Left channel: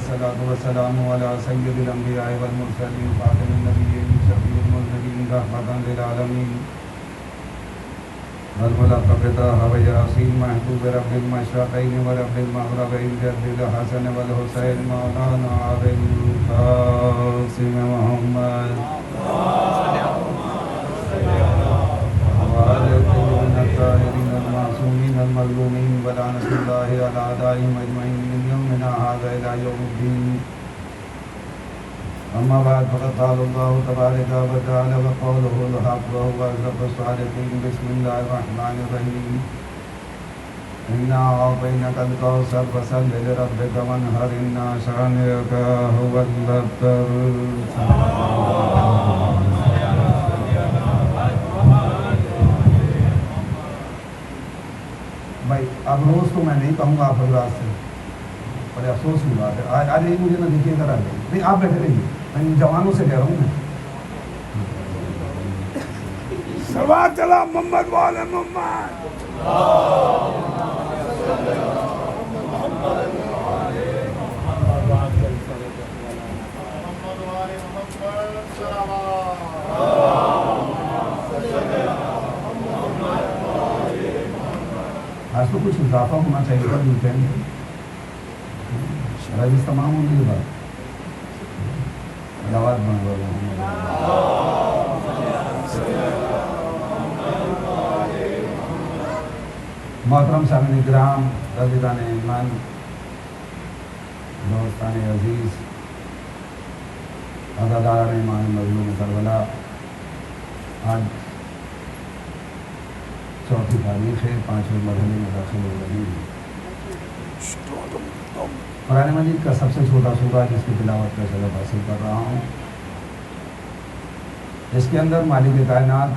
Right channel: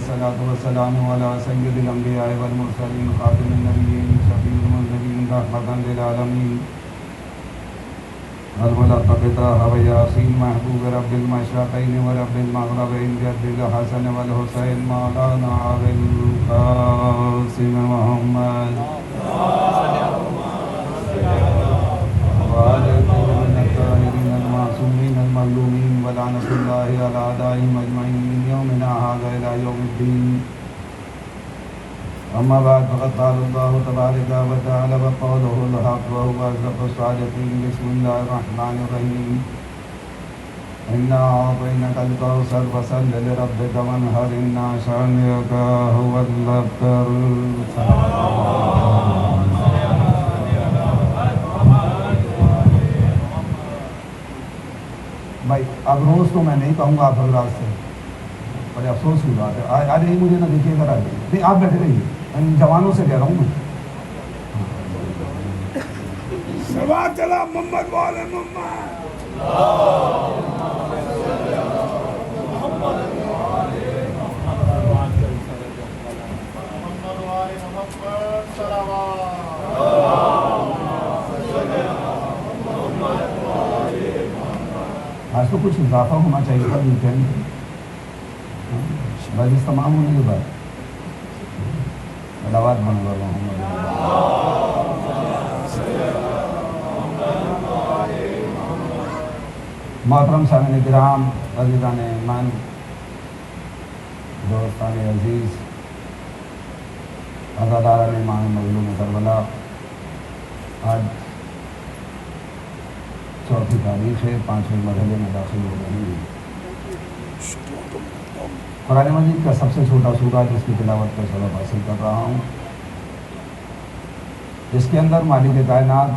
الصلاۃ والسلام علی سید الانبیاء والمرسلین خاتم النبیین شفیع المذنبین رحمۃ للعالمین والملقب طه ویاسین محبوب رب المشرقین ورب المغربین جد الحسن والحسین مولانا ابی القاسم محمد المظلومين ولعنة الله على أعدائهم أجمعين من يومنا هذا إلى يوم الدين. أما بعد فقد قال الله تبارك وتعالى وقوله الحق وهو أصدق الصادقين. بسم الله الرحمن الرحيم. إنا أعطيناك الكوثر فصل لربك وانحر إن شانئك هو الأبتر. بھائی اب روز کو میں نہیں کہوں گا آپ حضرات سے، بڑے افسوس کی بات ہے. آج یہی مجھے نہ دیکھیے ادھر آ جائیے، آپ بیٹھے رہیے، میں ان جوانوں سے کہہ رہا ہوں. صلوات علی محمد وعلی محمد. آج تو کچھ اضافہ ہونا چاہیے تھا ویکینڈ مجلس تمام ہونے کے بعد بڑاوات بن گئے. محترم سامعین کرام، عزیزان ایمان، دوستان عزیز، عزاداران ایمان مظلوم کربلا، آج چوتھی تاریخ ہے، 5ویں مرحلے میں داخل ہو رہی ہے. قرآن مجید کا سب سے چھوٹا سورہ جس کی تلاوت کا سبق حاصل کر رہا ہوں، جس کے اندر مالک کائنات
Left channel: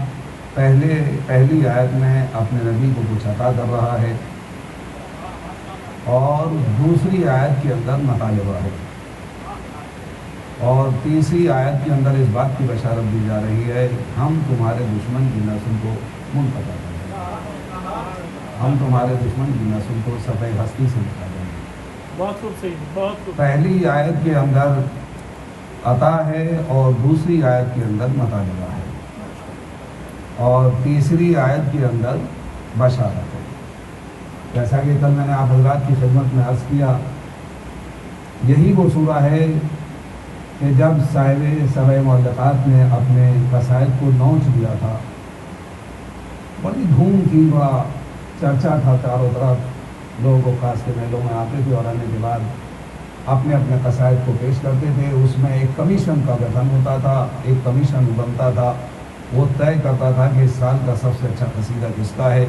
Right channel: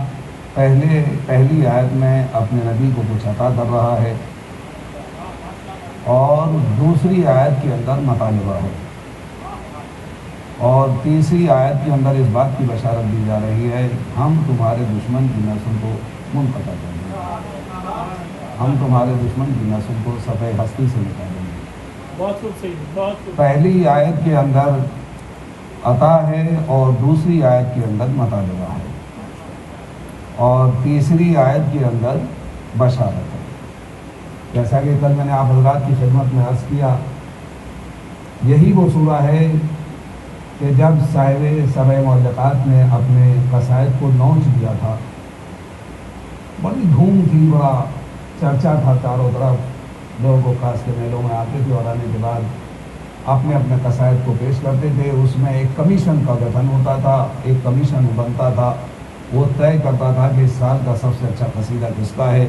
پہلی آیت میں اپنے نبی کو کچھ عطا کر رہا ہے اور دوسری آیت کے اندر مطالبہ ہے، اور تیسری آیت کے اندر اس بات کی بشارت دی جا رہی ہے ہم تمہارے دشمن کی نسل کو منقطع کریں گے، ہم تمہارے دشمن کی نسل کو صفحہ ہستی سے نکالیں گے. پہلی آیت کے اندر عطا ہے اور دوسری آیت کے اندر مطالبہ ہے اور تیسری آیت کے اندر بشارت ہے. جیسا کہ کل میں نے آپ حضرات کی خدمت میں عرض کیا، یہی وہ سورہ ہے کہ جب صاحب سبع معلقات نے اپنے قصائد کو لانچ کیا تھا، بڑی دھوم تھی، بڑا چرچا تھا چاروں طرف، لوگوں کو خاص کے میلوں میں آتے تھے اور آنے کے بعد اپنے اپنے قصائد کو پیش کرتے تھے. اس میں ایک کمیشن کا گٹھن ہوتا تھا، ایک کمیشن بنتا تھا، وہ طے کرتا تھا کہ اس سال کا سب سے اچھا قصیدہ کس کا ہے.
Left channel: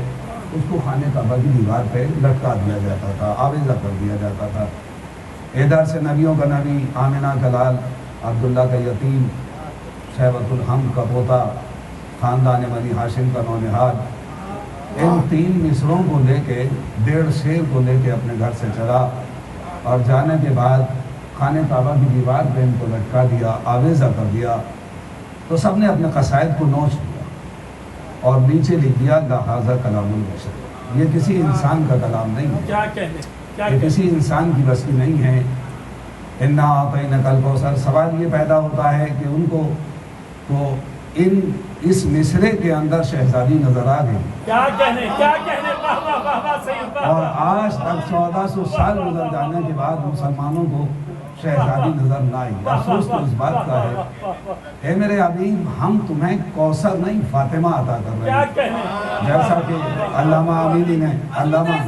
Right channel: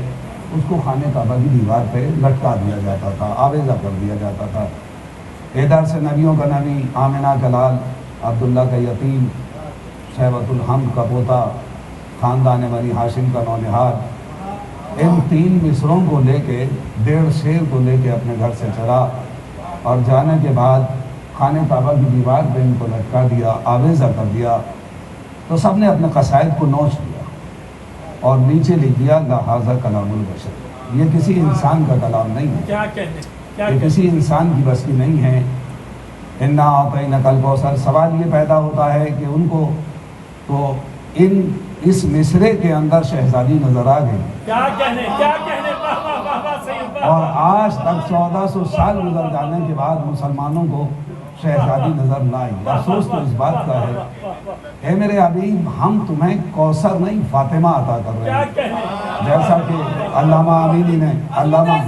اس کو خانے کعبہ کی دیوار پہ لٹکا دیا جاتا تھا، آویزہ کر دیا جاتا تھا. ایدار سے نبیوں کا نبی، آمنہ کا لال، عبداللہ کا یتیم، شیبۃ الحمد کا پوتا، خاندان بنی ہاشم کا نونہار، ان 3 مصروں کو لے کے 1.5 شعر کو لے کے اپنے گھر سے چلا اور جانے کے بعد خانہ کعبہ کی دیوار پہ ان کو لٹکا دیا، آویزہ کر دیا. تو سب نے اپنے قصائد کو نوچ لیا اور نیچے لکھ دیا لہٰذا کلام البشر. یہ کسی انسان کا کلام نہیں ہے، یہ کسی انسان کی بس کی نہیں ہے. انا اعطیناک الکوثر. سوال یہ پیدا ہوتا ہے کہ ان کو تو اس مصرے کے اندر شہزادی نظر آ گئی، اور آج تک 1400 سال گزر جانے کے بعد مسلمانوں کو شہزادی نظر نہ آئی. افسوس تو اس بات کا ہے، اے میرے حبیب، ہم تمہیں کوثر نہیں فاطمہ عطا کر رہے ہیں. جیسا کہ علامہ امینی نے علامہ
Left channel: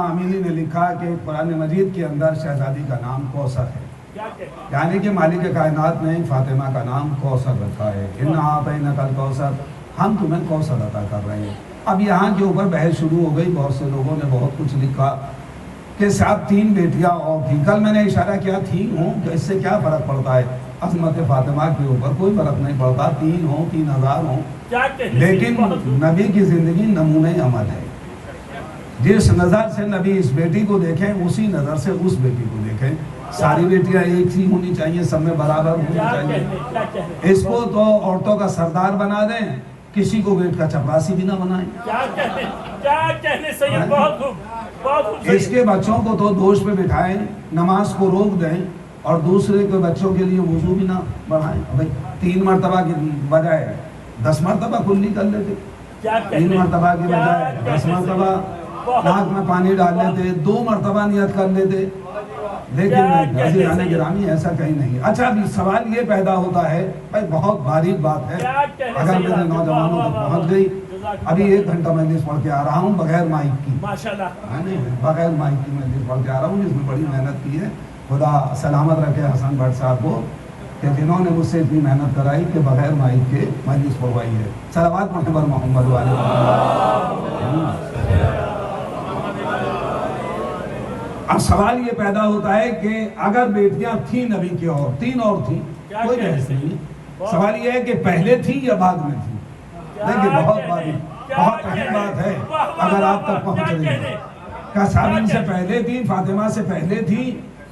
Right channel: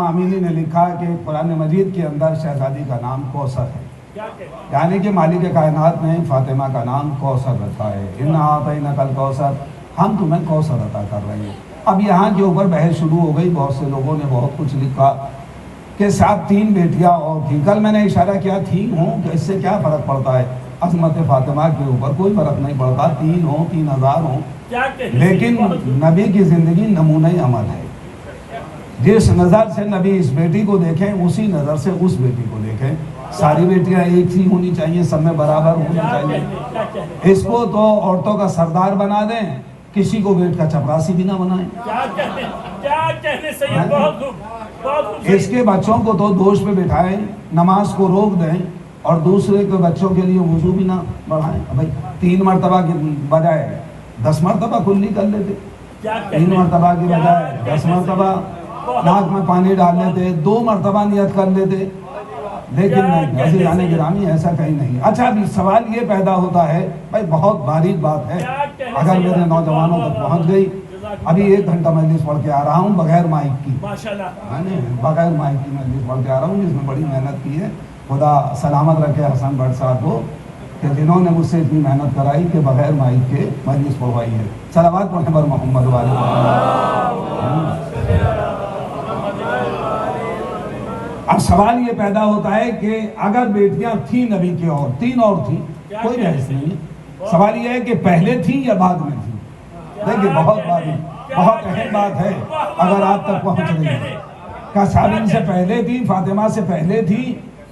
امینی نے لکھا کہ قرآن مجید کے اندر شہزادی کا نام کوثر ہے، یعنی کہ مالک کائنات نے فاطمہ کا نام کوثر رکھا ہے. انا اعطیناک الکوثر، ہم تمہیں کوثر عطا کر رہے ہیں. اب یہاں کے اوپر بحث شروع ہو گئی، بہت سے لوگوں نے بہت کچھ لکھا کہ صاحب 3 بیٹیاں اور تھیں. کل میں نے اشارہ کیا 3 ہوں کہ اس سے کیا فرق پڑتا ہے. عظمت فاطمہ کے اوپر کوئی فرق نہیں پڑتا، 3 ہوں 3000 ہوں، لیکن نبی کی زندگی نمونہ عمل ہے. جس نظر سے نبی اس بیٹی کو دیکھیں اسی نظر سے اس بیٹی کو دیکھیں. ساری بیٹیاں ایک ہی ہونی چاہیے, سب میں برابر ہونی چاہیے. اس کو تو عورتوں کا سردار بنا دیں, کسی کو گیٹ کا چپراسی بھی نہ بنائیں. اس کے بچوں کو تو دوش پہ بٹھائیں, نماز کو روک دیں, اور دوسرے کے بچوں کے لیے وضو بھی نہ بڑھائیں. بھائی 3 مرتبہ کی بجائے 10 مرتبہ کلی کر لیتے, 3 مرتبہ کی بجائے 10 مرتبہ ناک میں پانی ڈال لیتے, 2 مرتبہ نیت کر لیتے. لیکن نہیں, عزیزان گرامی ایسا کہیں نہیں. اچھا ابھی سوال یہ پیدا ہوتا ہے, بھائی بہت باریک بات ہے, اگر میرے نوجوانوں تک پہنچ گئی. ابھی 1 گھنٹہ مجلس پڑھ کے آ رہا ہوں بغیر مائک کی, بغیر مائک کی مجلس پڑھ کے آ رہا ہوں, جس میں بڑی محنت کی ہے. خدا سلامت رکھے حسن بٹ صاحب کو, کہ جنہوں نے مجھ سے اتنی محنت کرائی کہ بغیر مائک کے مجلس پڑھوائی ہے. صلوات پڑھیں بر محمد والے. اب سوال یہ پیدا ہوتا ہے کہ اگر بیٹیاں تھیں نبی کے اور 3 اور تھیں, کوئی بحث نہیں. سوال یہ ہے کہ پہلے تھیں یا بعد میں تھیں. دیکھیں بہت اہم بات ہے, اگر آپ تک پہنچ رہی ہے. کیا صابن سے پہلے تھی, فاطمہ سے پہلے تھی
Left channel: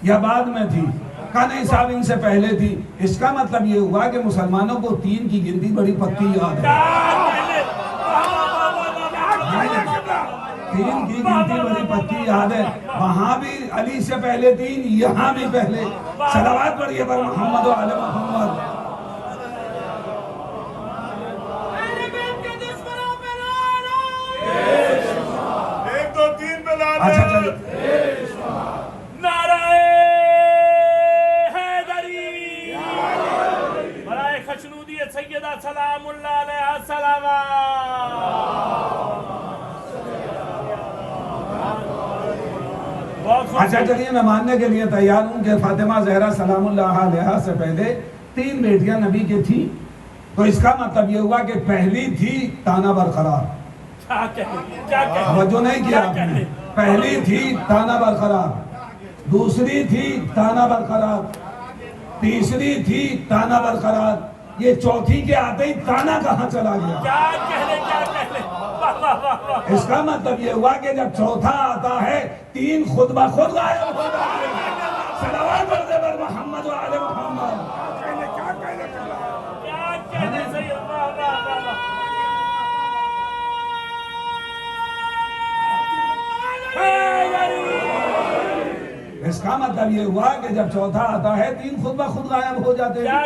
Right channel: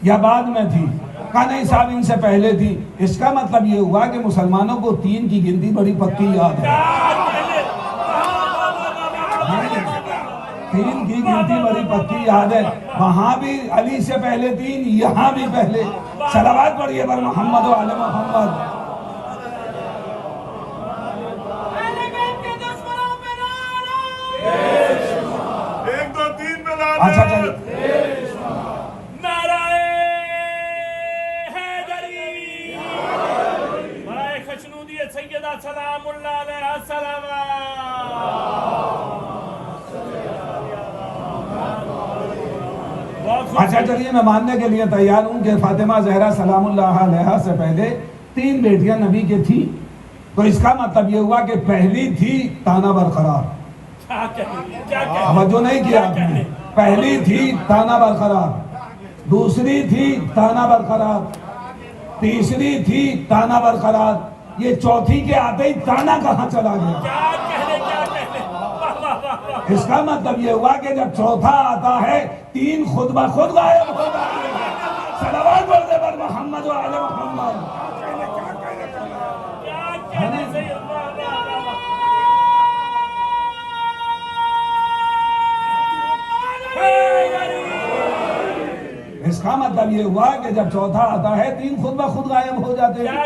یا بعد میں تھی؟ کہا نہیں صابن سے پہلے تھی. اس کا مطلب یہ ہوا کہ مسلمانوں کو 3 کی گنتی بڑی پکی یاد ہے. 3 کی گنتی بڑی پکی یاد ہے. وہاں بھی علی سے پہلے 3, یہاں بھی پہلے. صلوات پڑھیے پر محمد و آل محمد. اچھا چلے, نعرہ حیدری, برائے خشنودی سیدہ سلام اللہ علیہ السلام. اچھا چلیے, میں ماننے کے لیے تیار ہوں کہ فاطمہ زہرا سلام اللہ علیہا سے پہلے 3 بیٹیاں نبی کی تھی. تو اس کا مطلب یہ ہوا کہ پہلی تھی تانا برقرار. توجہ نہیں کیا آپ نے, پہلی تھی تانا برقرار, دوسری تھی تانا برقرار, تیسری تھی تانا برقرار. یہ چوتھی کے آتے ہی تانا کہاں چلا گیا؟ اس کا مطلب یہ ہوا کہ جب چوتھا آتا ہے 3 خود بخود غائب ہو جاتے ہیں. صلوات پڑھتے پر محمد و آل محمد. اس کا مطلب یہ ہوا کہ جب چوتھا آتا ہے 3 خود بخود غائب ہو جاتے ہیں.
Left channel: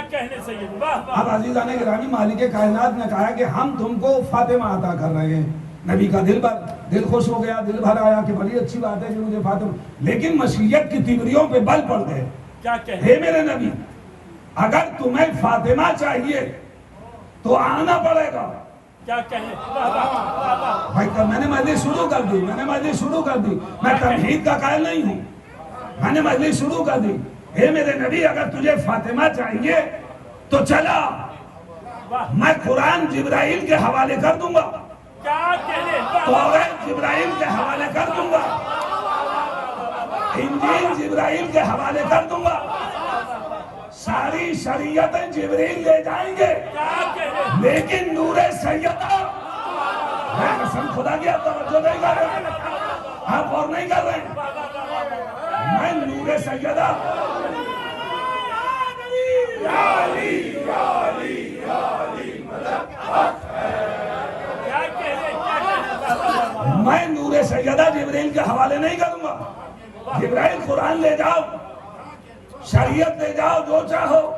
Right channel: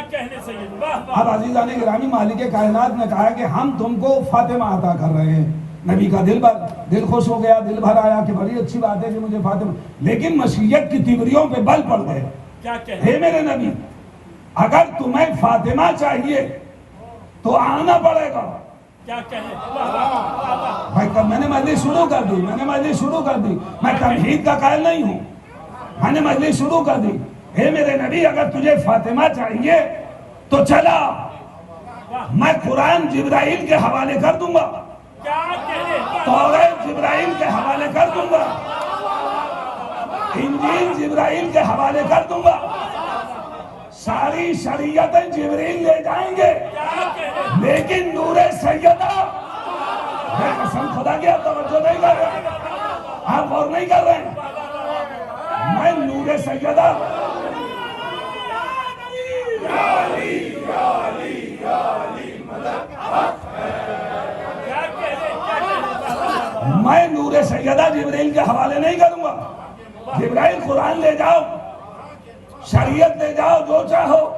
اب عزیزان گرامی, مالک کائنات نے کہا کہ ہم تم کو فاطمہ عطا کر رہے ہیں. نبی کا دل خوش ہو گیا, دل بھر آیا کہ بڑی اچھی بات ہے کہ مجھے فاطمہ. لیکن مشیت کی تیوریوں پہ بل پڑ گئے. ہے میرے نبی, اگر تمہیں فاطمہ چاہیے تو آنا پڑے گا. بھائی میں نے مجلس شروع کر دی, میں تمہید کا قائل نہیں ہوں, میں نے مجلس شروع کر دی. ہے میرے نبی, اگر تجھے فاطمہ چاہیے تو چلا, میں قرآن جبرائیل کے حوالے کر دوں گا, توریت جبرائیل کے حوالے کر دوں گا, انجیل جبرائیل کے حوالے کر دوں گا, ساری شریعتیں جبرائیل لے جائیں گے. لیکن نور سیدہ, میں قسم خدا کی آپ توجہ نہیں کر رہے, آپ غور نہیں کر رہے, میں نور سیدہ میں نور سیدہ جبرائیل کے حوالے نہیں کروں گا. جبرائیل قرآن لے جاؤ, شریعت لے جاؤ, جو چاہو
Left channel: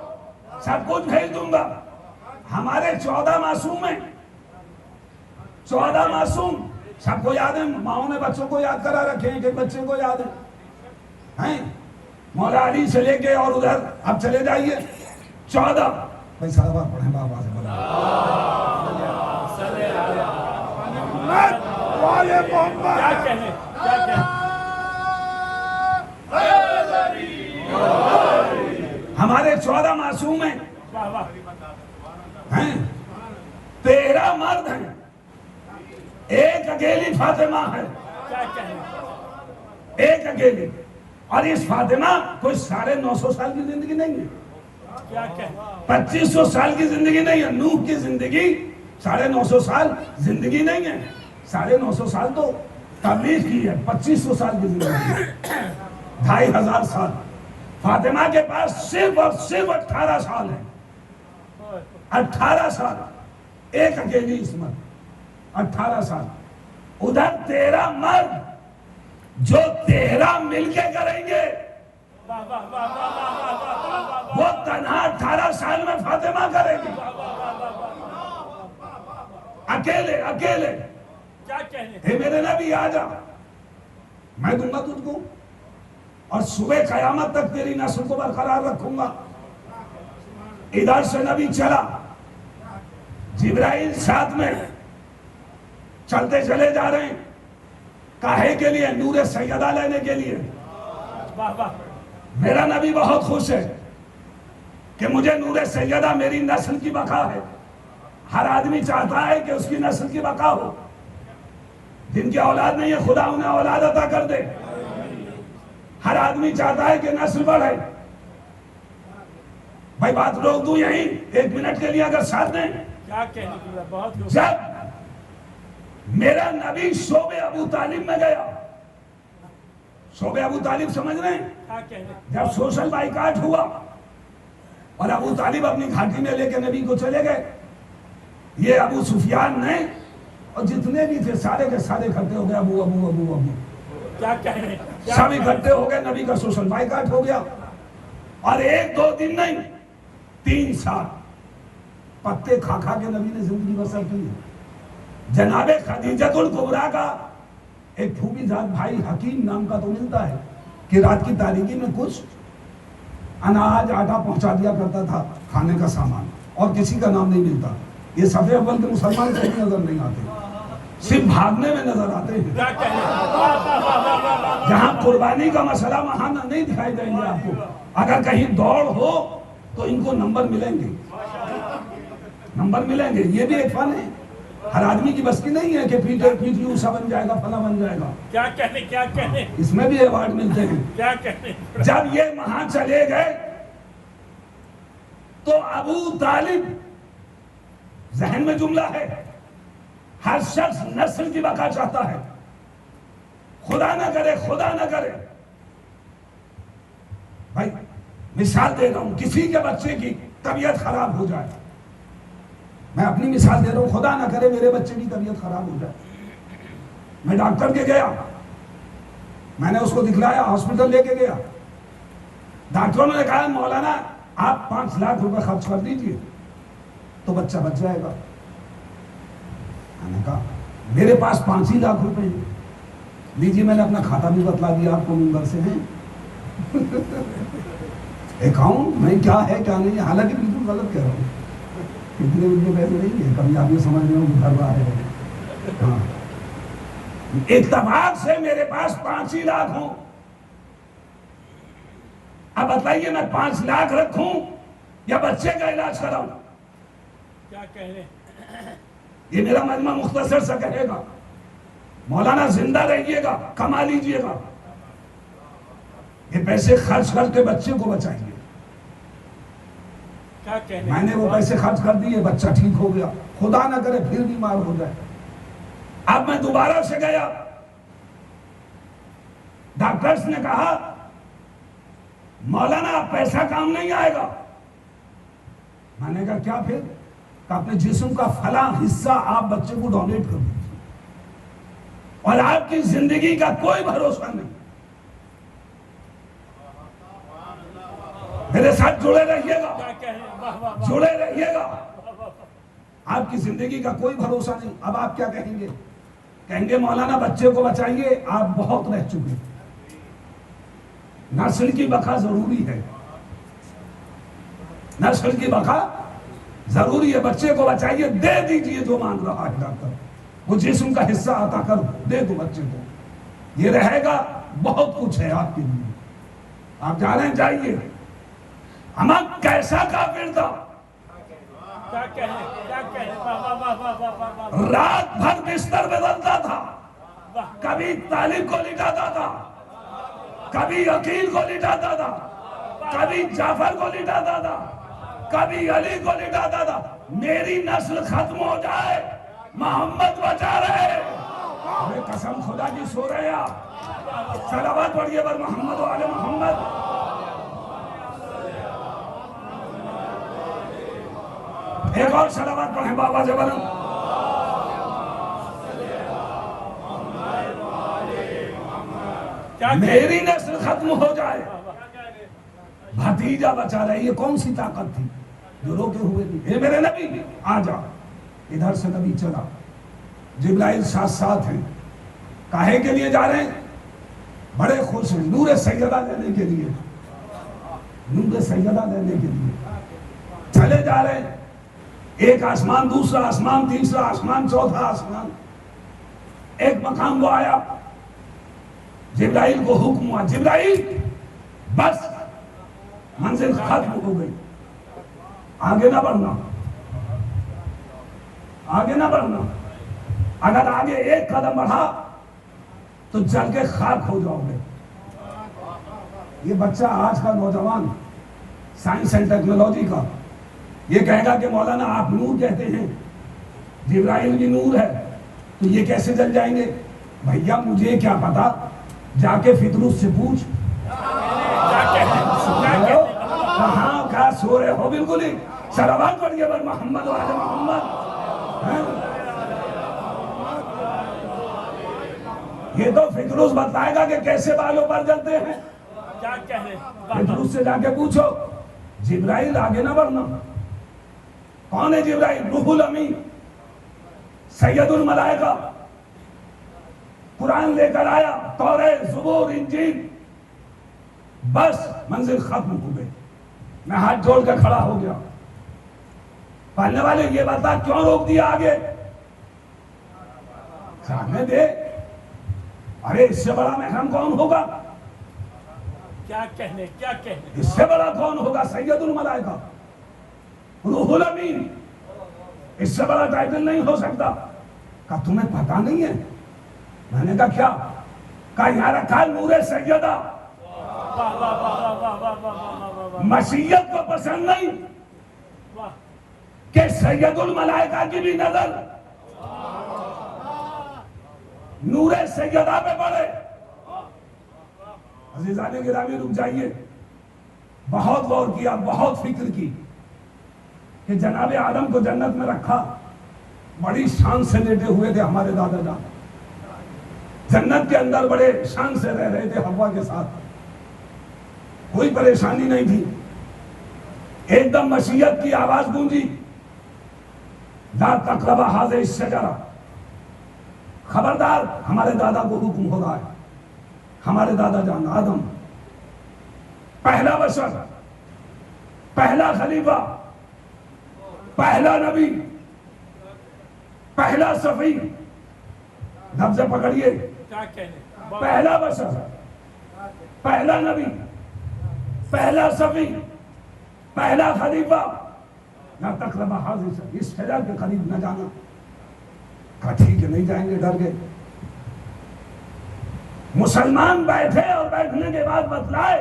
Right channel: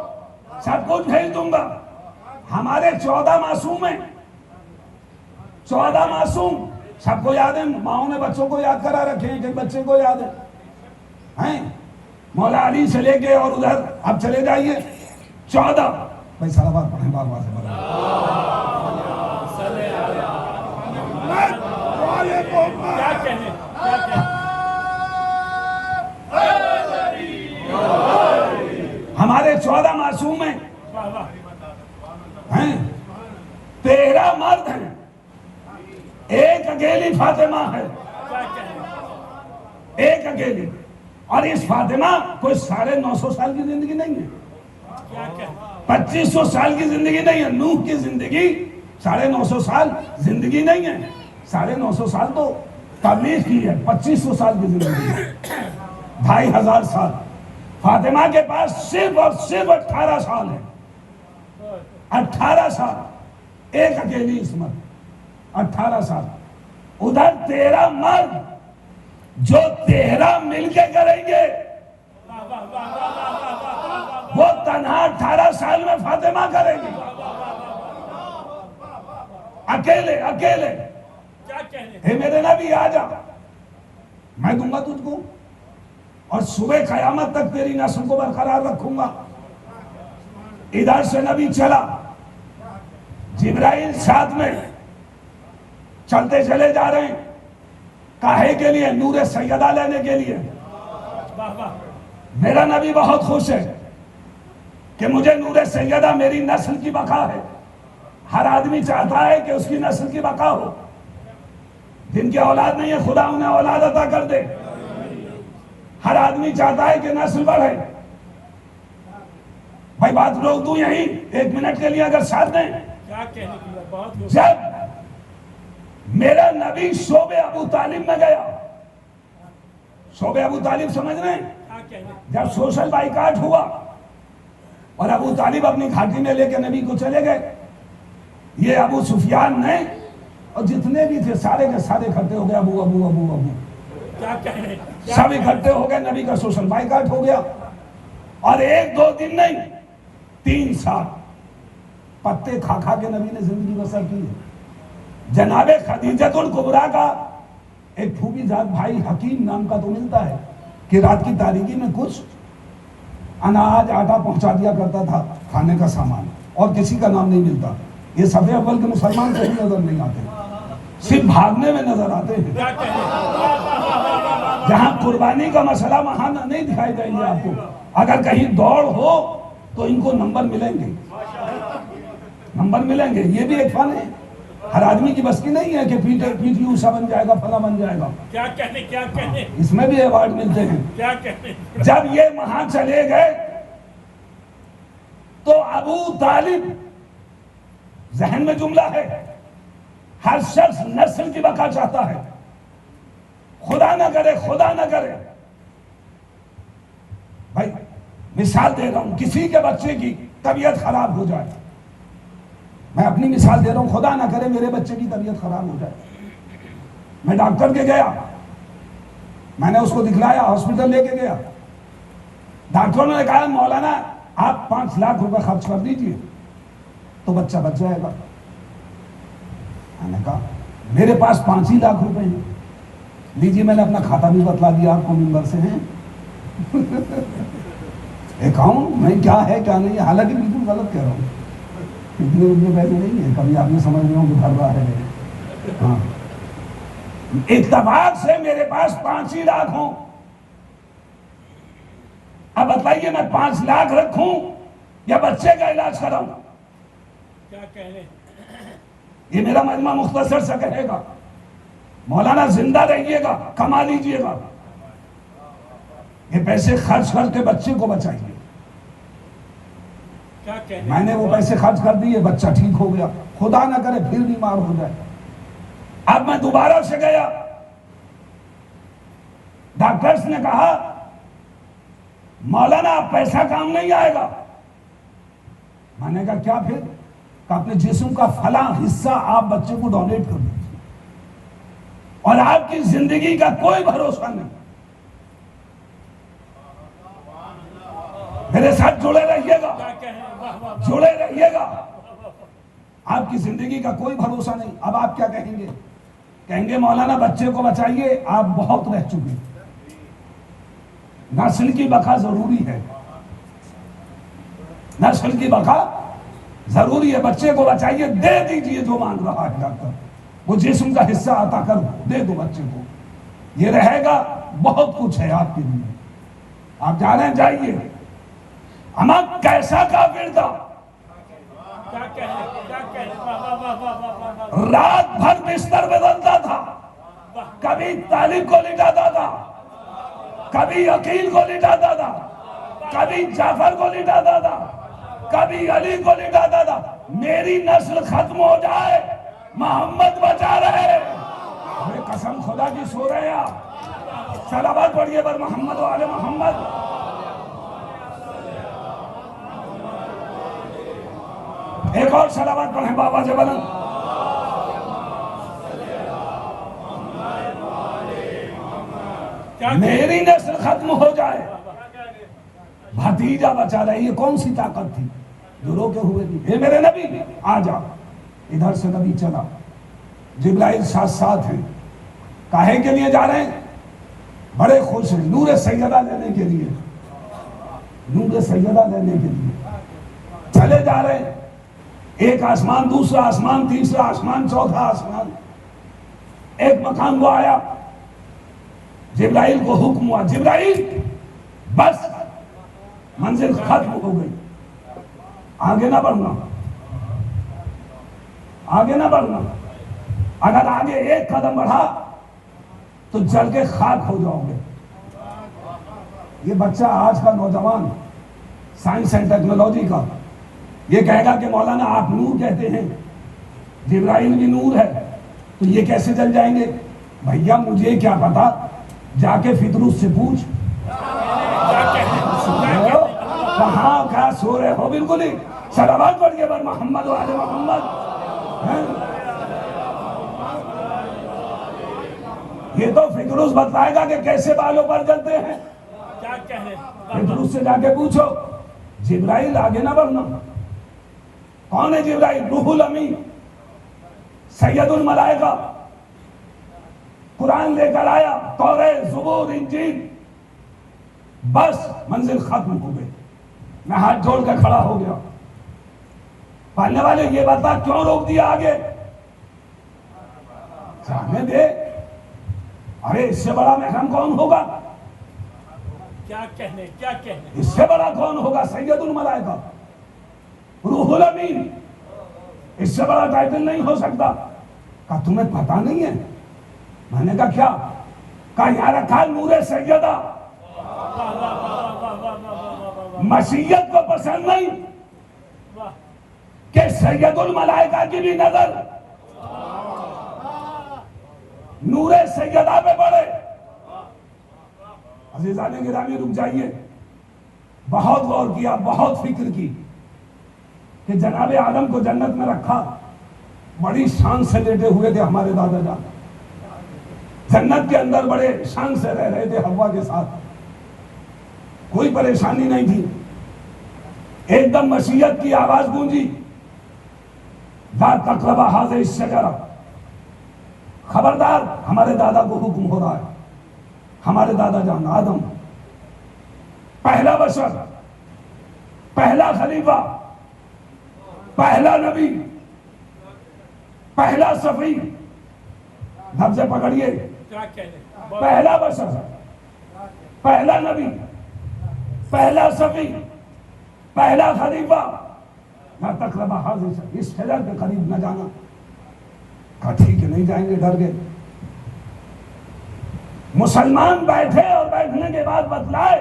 سب کچھ بھیج دوں گا. ہمارے 14 معصوم ہیں, 14 معصوم, سب کو یاد ہے. ماؤں نے بچوں کو یاد کرا رکھے ہیں, کہ بچے کو یاد ہے. مولا علی سے لے کے اور ادھر اب چلے جائیے 14. بھائی سارا بات پڑھیں بار بار سے ہمارے 14 معصوم ہیں, 13 مرد ہیں, ایک اکیلی فاطمہ ہے, ایک اکیلی. اور اس فاطمہ کوئی 950 سال کی زندگی نہیں ہے, 2500 سال کی زندگی نہیں ہے. نوح کی زندگی 950 سال زندگی نہیں ہے. 950 سال تو تبلیغ کی ہے 2500 سال کی زندگی 2500 سال فاطمہ کے پاس صرف اور صرف 18 سال ہے 18 سال ایک اکیلی عصمت 18 سال ادھر 13 مرد جو 13 مل کے کریں گے وہ تنہا 18 سال میں فاطمہ کریں گے اکیلے کیا کہنے اے میرے نبی آ جا میں دوں گا تجھ کو اور صبح قیامت تک تیری نسل کو برقرار رکھوں گا ادھر سے نبی چلا جبرائیل ساتھ میں چلتے چلے جا رہے ہیں کاہے کے لیے نور سیدہ لینے کے لیے میرا نبی بہت خوش ہے کہ مجھے نور سیدہ میری نسل کی بقا ہے ہر آدمی چاہتا ہے کہ اس کی نسل کی بقا ہو جن کی اولاد نہیں ہے خدا انہیں اولاد عطا کر دے ہر آدمی چاہتا ہے کہ نسل بڑھے بھائی بات روک دوں یہیں 1 منٹ کے لیے اگر ساتھ دیں کیا کہنے بہت جب میرا نبی شعب ابو طالب میں گیا شعب ابو طالب سمجھ رہے ہیں کیا کہنے جب سوشل بائیکاٹ ہوا اور ابو طالب اپنی گھاٹی میں لے کے نبی کو چلے گئے یہ ابو سفیان نے اور جتنے بھی تھے سارے کے سارے اکٹھے ہو گئے ابو ابو ابو ابو کیا کہنے سب اکٹھے ہو گئے نبی کا سوشل بائیکاٹ ہو گیا اور 1-2 دن نہیں 3 سال پتے کھا کھا کے نبی نے زندگی بسر کی جناب خدیجۃ الکبریٰ کا ایک پھوپھی ذات بھائی حکیم نام کا تو ملتا ہے کہ رات کی تاریکی میں کچھ اناج آٹا پہنچا دیا کرتا تھا کھانے کا سامان اور کسی کا نام نہیں ملتا یہ صفحے اول کے مسلمان کہیں نظر نہیں آتے صرف بھاگنے میں نظر آتے ہیں کیا کہنے جہاں قربانی کا مسئلہ وہاں نہیں دکھائی دیں گے آپ کو اگر کہیں دوڑ ہو تو ان کو نمبر ملیں گے یہ بھی ایک فن ہے ہر آدمی کی بس کی نہیں ہے کہ پیٹی اوشا بن جائے گا فلاں بن جائے گا کیا کہنے اس میں بھی ایوارڈ ملتے ہیں کیا کہنے جب یہ وہاں چلے گئے تو ابو طالب ذہن میں جملہ ہے ہر شخص نسل کی بقا چاہتا ہے خدا نہ کرے بھائی مثال دے رہا ہوں کسی کے بچے کی طبیعت خراب ہو جائے میں اپنی مثال دے رہا ہوں خدا نہ کرے میرے بچے کی طبیعت خراب ہو جائے میں ڈاکٹر کے گیا میں نے اس کو دکھلایا ہاسپٹل لے کے گیا ڈاکٹروں نے کہا مولانا آپ 5 لاکھ روپے خرچ کر دیجئے تو بچہ بچ جائے گا میں نے کہا میرے پاس 5 ہی لاکھ روپے ہیں لیجیے میں نے اپنا کھاتا بھی بتلا دیا آپ کو ممبر سے ہیں اکاؤنٹ میں کیا ہے کیا نہیں ہے حالانکہ بالکل غلط کہہ رہا ہوں اتنے پیسے نہیں ہے کبھی آپ یہ سمجھ رہے ہوں کہ گھر رہا ہے ہاں اتفاق سے میرے پاس 5 ہی لاکھ ہوں اب بتائیے میں 5 لاکھ رکھوں یا بچے کا علاج کراؤں کیا کہنے یہ میرا مجمع مختصر سا کہے گا مولانا زندہ رہیے گا کما لیجئے گا یہ پیسے خرچ کر کے بچے کو بچائیے کیا کہنے میں نے وہ پیسے خرچ کر دیے بچہ ٹھیک ہو گیا خدا نہ کرے پھر بیمار ہو جائے اب میں دوبارہ سے گیا ڈاکٹرز نے کہا مولانا پیسہ کام نہیں آئے گا میں نے کہا کیا پھر کہ اپنے جسم کا فلاں حصہ آپ بچے کو ڈونیٹ کر دیجیے اور آپ کی زندگی کا کوئی بھروسہ نہیں میرے ساتھ جڑے رہیے گا کیا کہنے جڑے رہیے گا آپ کی زندگی کا کوئی بھروسہ نہیں اب آپ کیا کہیں گے مولانا بچے کو بچائیے آپ بہت رہ چکے نسل کی بقا ضروری ہے نسل کی بقا ضروری ہے بچے کو بچائیے دے دیجئے جو مانگ رہا ہے ڈاکٹر وہ جسم کا حصہ عطا کر دے دو بچے کو یہ رہے گا بہت کچھ ہے آپ کے لیے آپ جا رہے ہیں جائیے ہمیں کیسا کافر تھا کیا کہنے رات بھر بستر بدلتا تھا کبھی طالب کو لٹاتا تھا کبھی عقیل کو لٹاتا تھا کبھی جعفر کو لٹاتا تھا کبھی علی کو لٹاتا تھا میری نسل ختم ہو جائے محمد بچا رہے قسم خدا کی سو رہے ہیں آپ؟ صلوات پڑھیے بر محمد و آل محمد. ایک اور صلوات پڑھیں بابا سے بلند. میری نسل ختم ہو جائے بھتیجا بچا رہے. یہ کون سی طاقت تھی جو روکے ہوئے تھی؟ اے میرے نبی آ جا. ادھر سے نبی چلا، جبرائیل ساتھ ساتھ ہیں. کاہے کے لیے جا رہے ہیں؟ بڑے خوش ہیں نور سیدہ لینے کے لیے. نور سیدہ لینے کے لیے چلے جا رہے ہیں. ایک آسمان، دوسرا آسمان، تیسرا آسمان، چوتھا آسمان. ایک مقام وہ آیا، جبرائیل کو حکم ہوا، جبرائیل بس منزل ختم ہو گئی، آگے نہ بڑھنا، آگے نہ بڑھنا. اگر آگے ایک قدم بڑھا تو جل کے خاک ہو جاؤ گے. یہ بچہ آج کا نوجوان سائنس اینڈ ٹیکنالوجی کا یہ کہے گا کہ مولانا آپ نور کہتے ہیں، جبرائیل بھی نور ہے، تو یہ کیسے جل جائیں گے؟ بھیا مجھے کیا پتا، جا کے فطرت سے پوچھ. کہاں کیا سو رہے ہو؟ بالکل ہی. صلوات پڑھیے بر محمد و آل محمد. یہ تو فطرت بتلائے گا کہ کیسے بالوں پر جلتے ہیں. کیا کہنے؟ فطرت سے جا کے پوچھو. جبرائیل آگے نہ بڑھنا. کون ہے جبرائیل؟ روح الامین، سید الملائکہ. قرآن لے کر آیا، تورات، زبور، انجیل. بس منزل ختم ہو گئی. میں ہاتھ جوڑ کے کھڑا ہو گیا. پالنے والے یہ بتا کیوں روک دیا آگے؟ جانے دے. ارے اس سے بڑا محرم کون ہوگا؟ کیا کہنے؟ کیا کہنے؟ اس سے بڑا کون ہوگا؟ سید الملائکہ، روح الامین. اس سے بڑا ٹائٹل نہیں ہو سکتا. کہا تمہیں پتا نہیں ہے؟ میں نے کہا کیا؟ کہا یہاں رکھا نور سیدہ. مسیحیت کو پسند نہیں کہ سید الملائکہ کی بھی نظر نور سیدہ پہ پڑے. عزیزان گرامی رک جائیے. بہت غور کیا، بہت فکر کی کہ جناب آدم کو جنت میں رکھا، بڑی شان سے لیٹے ہوئے تھے ہمارے دادا جان. جنت کے اندر بڑے شان سے رہ رہے تھے حوا کے ساتھ، کوئی پریشانی نہیں تھی. ایک دم مشیت کی آواز گونجی، لا تقربا ھذہ الشجرہ. خبردار، ہمارے دادا کو حکم ہو رہا ہے. ہمارے دادا جان آدم، پہلا بشر، پہلا خلیفہ، پہلا نبی، پہلا صفی. دھب سے پکڑیے. کیا کہنے؟ پہلا بشر، پہلا نبی، پہلا صفی، پہلا خلیفہ. لا تقربا ھذہ الشجرہ، اس شجر کے قریب نہ جانا. کہا ٹھیک ہے نہیں جائیں گے. ڈر گئے. مسلمان بیٹھے اور بیٹھنے کے بعد بتلائے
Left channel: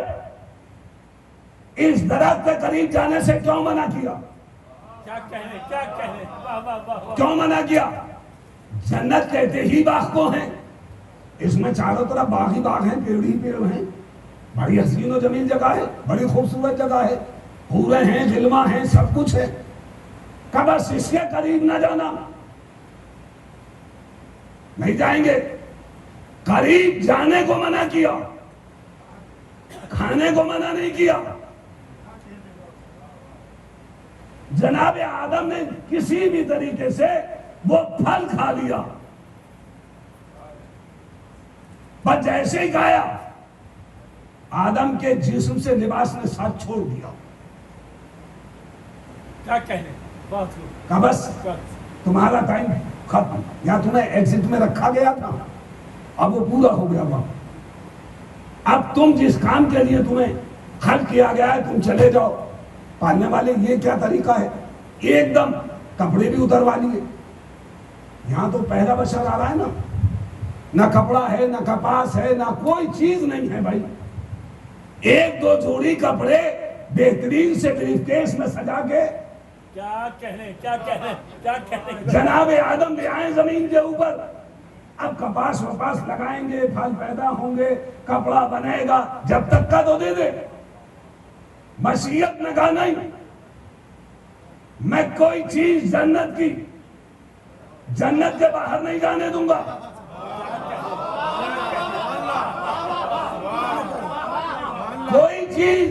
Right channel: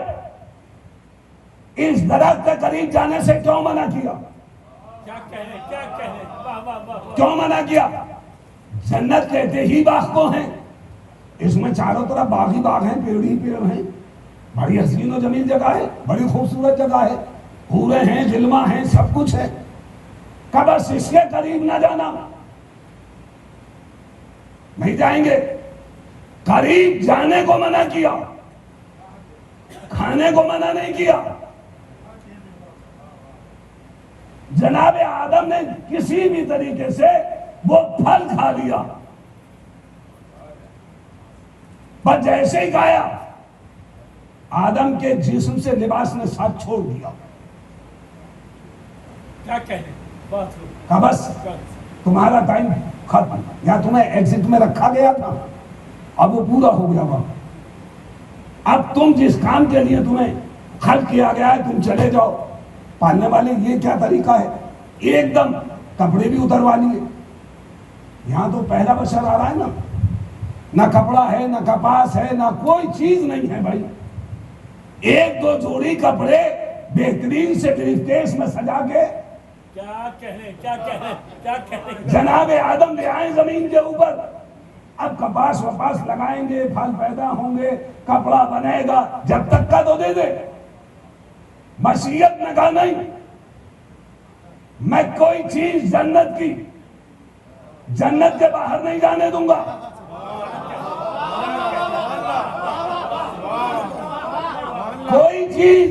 اس درخت کے قریب جانے سے کیوں منع کیا؟ کیا کہنے؟ کیا کہنے؟ واہ واہ واہ. کیوں منع کیا؟ جنت کہتے ہی باغ کو ہیں. اس میں چاروں طرف باغ ہی باغ ہیں، پیڑ ہی پیڑ ہیں. بڑی حسین و جمیل جگہ ہے، بڑی خوبصورت جگہ ہے. حوریں ہیں، غلماں ہیں، سب کچھ ہے. کہ بس اس کے قریب نہ جانا. نہیں جائیں گے. قریب جانے کو منع کیا، کھانے کو منع نہیں کیا. جناب آدم نے کسی بھی طریقے سے وہ پھل کھا لیا. بس جیسے ہی کھایا، آدم کے جسم سے لباس نے ساتھ چھوڑ دیا. کیا کہنے؟ بہت کہا بس تمہارا ٹائم ختم. یا تمہیں ایگزٹ میں رکھا گیا تھا، اب وہ پورا ہو گیا. وہاں اب تم جس کام کے لیے تمہیں خلق کیا گیا ہے تم چلے جاؤ. پالنے والے یہ کیا طریقہ ہے؟ ایک دم کپڑے بھی اتروا لیے. یہاں تو پہلا بشر آ رہا ہے نا، نہ کپڑا ہے، نہ کپاس ہے، نہ کوئی چیز نہیں ہے بھائی. ایک دو جوڑی کپڑے بہترین سے بریف کیس میں سجا کے کیا کہنے؟ کیا کہنے؟ کیا کہنے؟ جناب آدم لے آئے زمین کے اوپر. اب کپاس وپاس لگائیں گے، پھل پیدا ہوں گے، کپڑا بنے گا، جب تک کا تو دے دے، مشیت نے کہا نہیں، میں کوئی چیز جنت کی جنت کے باہر نہیں جانے دوں گا۔ کوئی چیز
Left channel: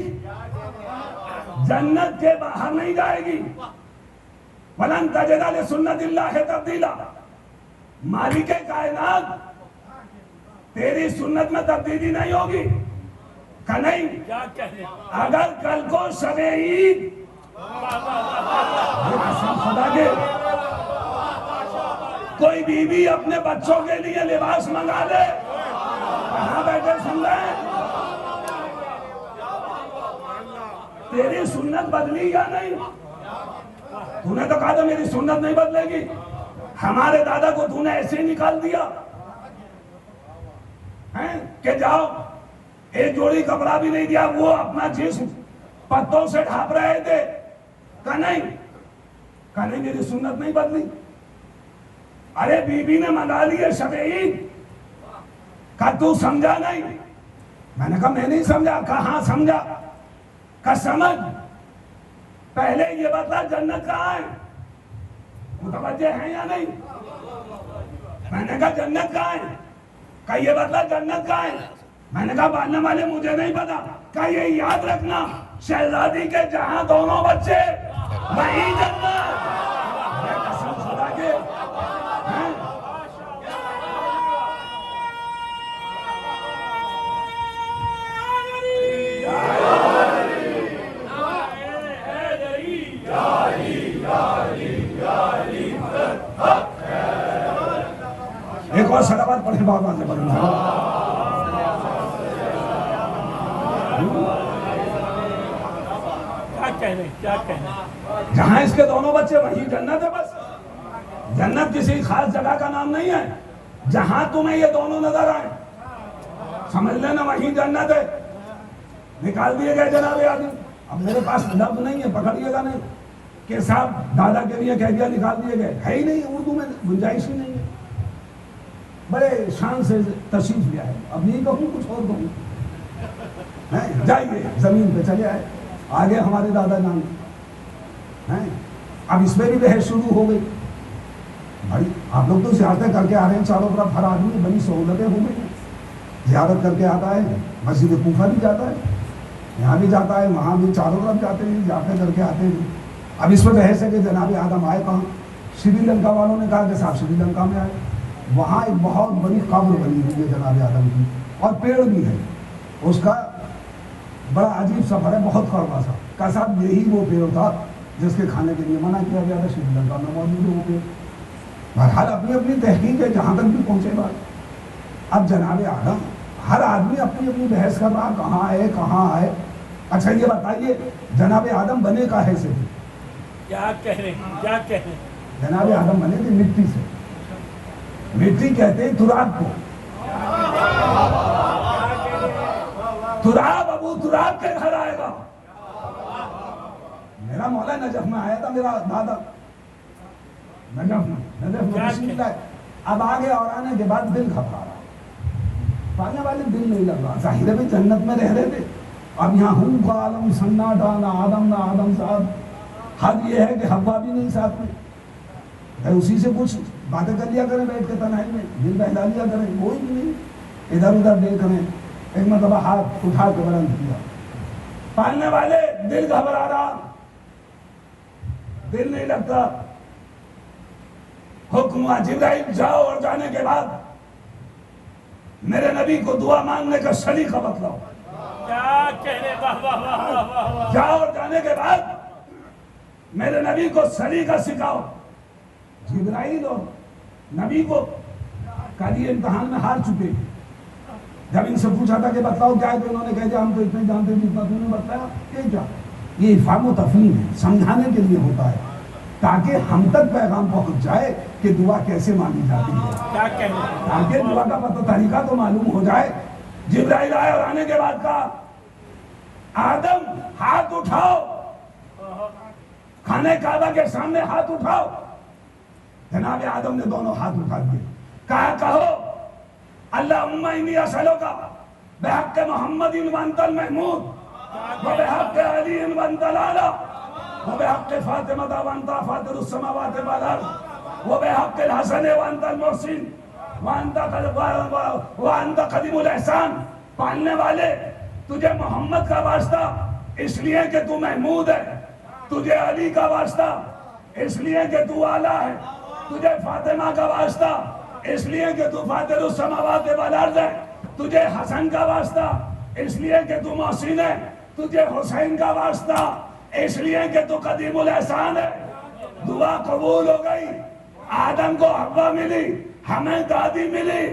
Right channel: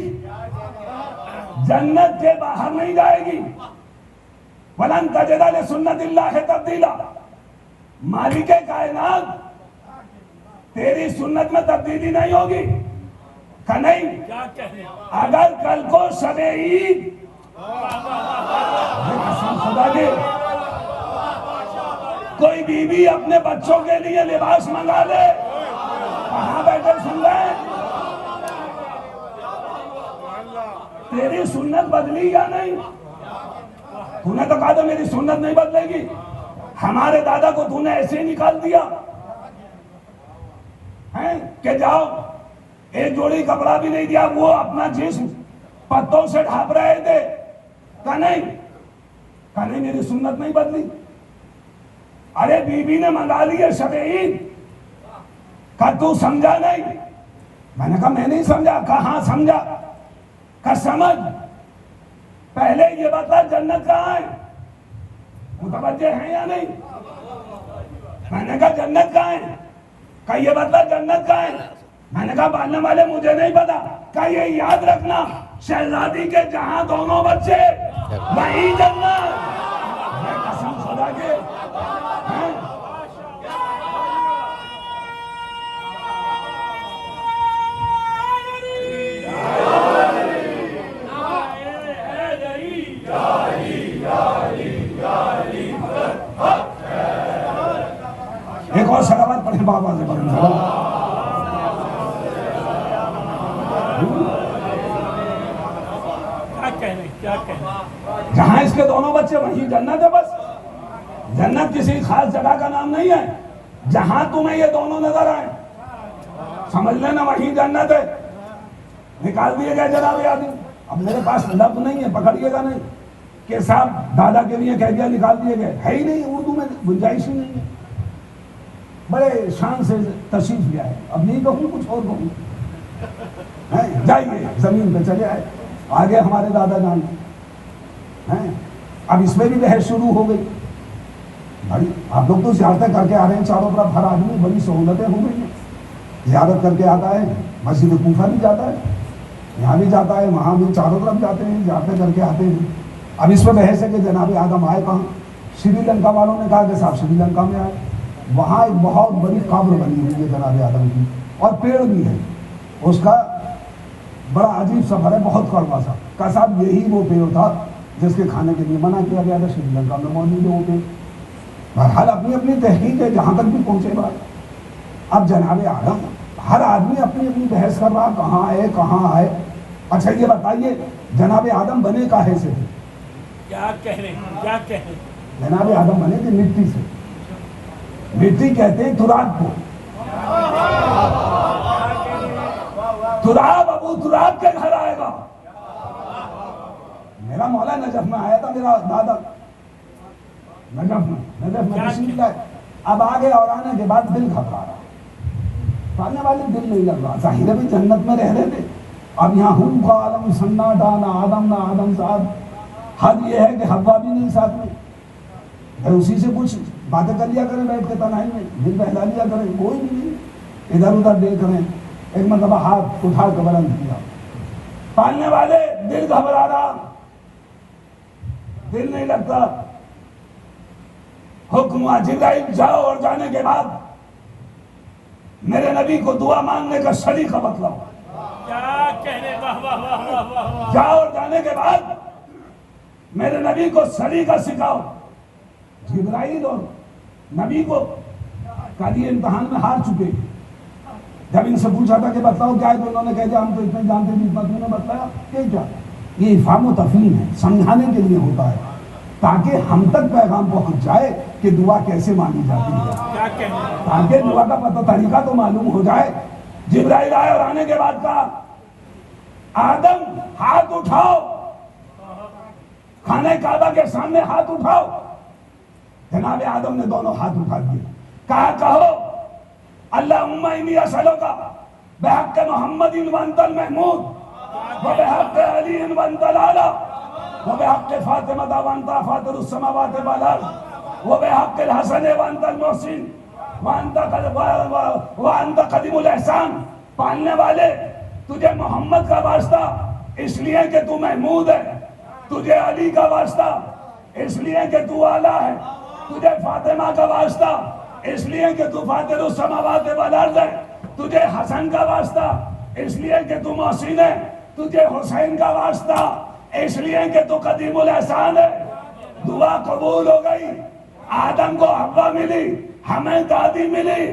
جنت کے باہر نہیں جائے گی۔ وَلَن تَجِدَ لِسُنَّتِ اللَّهِ تَبْدِيلًا، مالک کائنات تیری سنت میں تبدیلی نہیں ہوگی کہ نہیں؟ کیا کہنے اگر کل کو شب عید خدا کے کوئی بیوی اپنے بچوں کے لیے لباس منگا لے، کہاں بیٹھے سن رہے ہیں؟ تیری سنت بدلی یا نہیں؟ تو نے تو کہا تھا میری سنت نہیں بدلے گی، ہمارے دادا کو تو نے ایسے ہی نکال دیا کہ جاؤ، ایک جوڑی کپڑا بھی نہیں دیا، وہ اپنا جسم پتوں سے ڈھانپ رہے تھے، کہا نہیں میری سنت نہیں بدلی۔ ارے بی بی نے منگا لیے شب عید، کہا تو سمجھا نہیں؟ میں نے کہا میں نہیں سمجھا، کہاں سمجھا؟ کہا سمجھ، پہلے یہ بتا جنت کہاں ہے، متوجہ ہیں یا نہیں؟ میں نے کہا جنت کہاں ہے؟ کہا یہ بتا جنت کہاں ہے؟ میں نے کہا ماننے والے مجھے نہیں پتا، کہا یہ یاد رکھنا شہزادی کے جہاں دونوں بچے وہیں جنت۔ میں قسم خدا کے ایک اور سلوات پڑھیں بابا سے پڑھیں۔ کیا کہنے جہاں اس کے دونوں بچے وہیں جنت ہے، بس جنت کسی خاص جگہ کا نام نہیں ہے، جہاں تمہیں یہ دونوں نظر آئیں سمجھ لینا وہیں جنت ہے۔ نکال دیے گئے جناب آدمی، اب میرے پاس لفظ نہیں ہے، پکڑیے گا نہیں کہ صاحب دادا کے لیے کہہ دیا نکال دیے گئے، ہے ہی نہیں، اردو میں گنجائش ہی نہیں ہے۔ بڑے شان سے تشریف لے آئے، اب نہیں کہوں کچھ اور کہوں، جائیے زمین پہ چلے آئے، آگے ہمارے دادا جان ہیں، اب اس میں بھی بحث شروع ہو گئی۔ بھائی آپ لوگ تو زیارتیں کر کے آ رہے ہیں چاروں طرف، ہر آدمی بڑی سہولتیں ہو گئی ہیں، زیارت کر کے آتا ہے، مسجد کوفہ بھی جاتا ہے، یہاں بھی جاتا ہے، وہاں بھی چاروں طرف جاتے ہیں، زیارتیں کر کے آتے ہیں۔ اب اس میں بحث ہے کہ جناب آدم آئے کہاں؟ سری لنکا والوں نے کہا کہ صاحب سری لنکا میں آئے، وہاں ایک بہت بڑی قبر بنی ہوئی ہے جناب آدم کی، اور پیڑ بھی ہے، اس کا بڑا عجیب سفر ہے، بہت کڑوا سا، کہ صاحب یہی وہ پیڑ تھا جس کے کھانے کے لیے منع کیا گیا تھا، سری لنکا میں موجود ہے وہ پیڑ۔ بہرحال اپنی اپنی تحقیق ہے، جہاں تک بھی پہنچے بات۔ اب جناب آدم، ہر آدمی اپنی اپنی بحث کر رہا، کہاں آئے کہاں آئے۔ اچھا یہ بتائیے جناب آدم بنے کاہے سے تھے؟ کیا کہنے جناب آدم بنے تھے مٹی سے، مٹی کہتے ہیں تراب کو، تراب ابو تراب کے گھر آئے گا۔ میرا مولا نجف میں آیا تھا، میرا دادا نجف میں تشریف لائے، اب آگے اور آنے کے بعد دل گھبرا رہا، پانے والے دل نہیں لگ رہا، ظاہر ہے بھی جنت میں رہ رہے تھے، اب یہاں ہوں کا عالم سناٹا، نہ آدم صاحب، حد یہ ہے کہ حوا بھی نہیں ساتھ میں، اسی سے کچھ باتیں کر لیا کریں بیٹھ کے تنہائی میں، دل بہلا لیا کریں، کوئی بھی نہیں، ادھر ادھر دیکھ رہے ہیں۔ ایک مرتبہ ہاتھ اٹھا کے بلند کیا، پالنے والے دل گھبرا رہا، دل نہیں لگتا، حکم ہوا جبرائیل جاؤ، اور جانے کے بعد میرے نبی کو دعا مانگنے کا سلیقہ بتلاؤ۔ کیا کہنے جاؤ اور جانے کے بعد میرے نبی کو سلیقہ سکھاؤ۔ جبرائیل اور نبی کو کہا یہ امتحان میں ہار چکے، جب ان سے پوچھا تھا کہ بتلاؤ کیا ہے تو انہوں نے کہہ دیا ہم تو اتنے جانتے نہیں، اتنا تم نے بتلایا کیا؟ یہ افہام و تفہیم ہے، سمجھانے کے لیے ہوتا ہے تاکہ ہم تک پیغام پہنچ جائے کہ دعا کیسے مانگی جاتی ہے، تاکہ دعا کا پتہ طریقہ تو معلوم ہو جائے۔ جبرائیل آئے اور آنے کے بعد کہا آدم ہاتھ اٹھاؤ، خانہ کعبہ کے سامنے ہاتھ اٹھاؤ۔ جناب آدم نے دونوں ہاتھ اٹھا دیے، کہا کہو اللہم انی اسألک بحق محمد وانت المحمود وبحق علی وانت العلی وبحق فاطمہ وانت فاطر السماوات والارض وبحق الحسن وانت المحسن وانت قدیم الاحسان. پالنے والے تجھے محمد کا واسطہ اس لیے کہ تو محمود ہے، تجھے علی کا واسطہ اس لیے کہ تو اعلیٰ ہے، تجھے فاطمہ کا واسطہ اس لیے کہ تو فاطر السماوات والارض ہے، تجھے حسن کا واسطہ اس لیے کہ تو محسن ہے، تجھے حسین کا واسطہ اس لیے کہ تو قدیم الاحسان ہے. دعا قبول ہو گئی. آدم کو حوا ملی، ہمیں دادی ملی.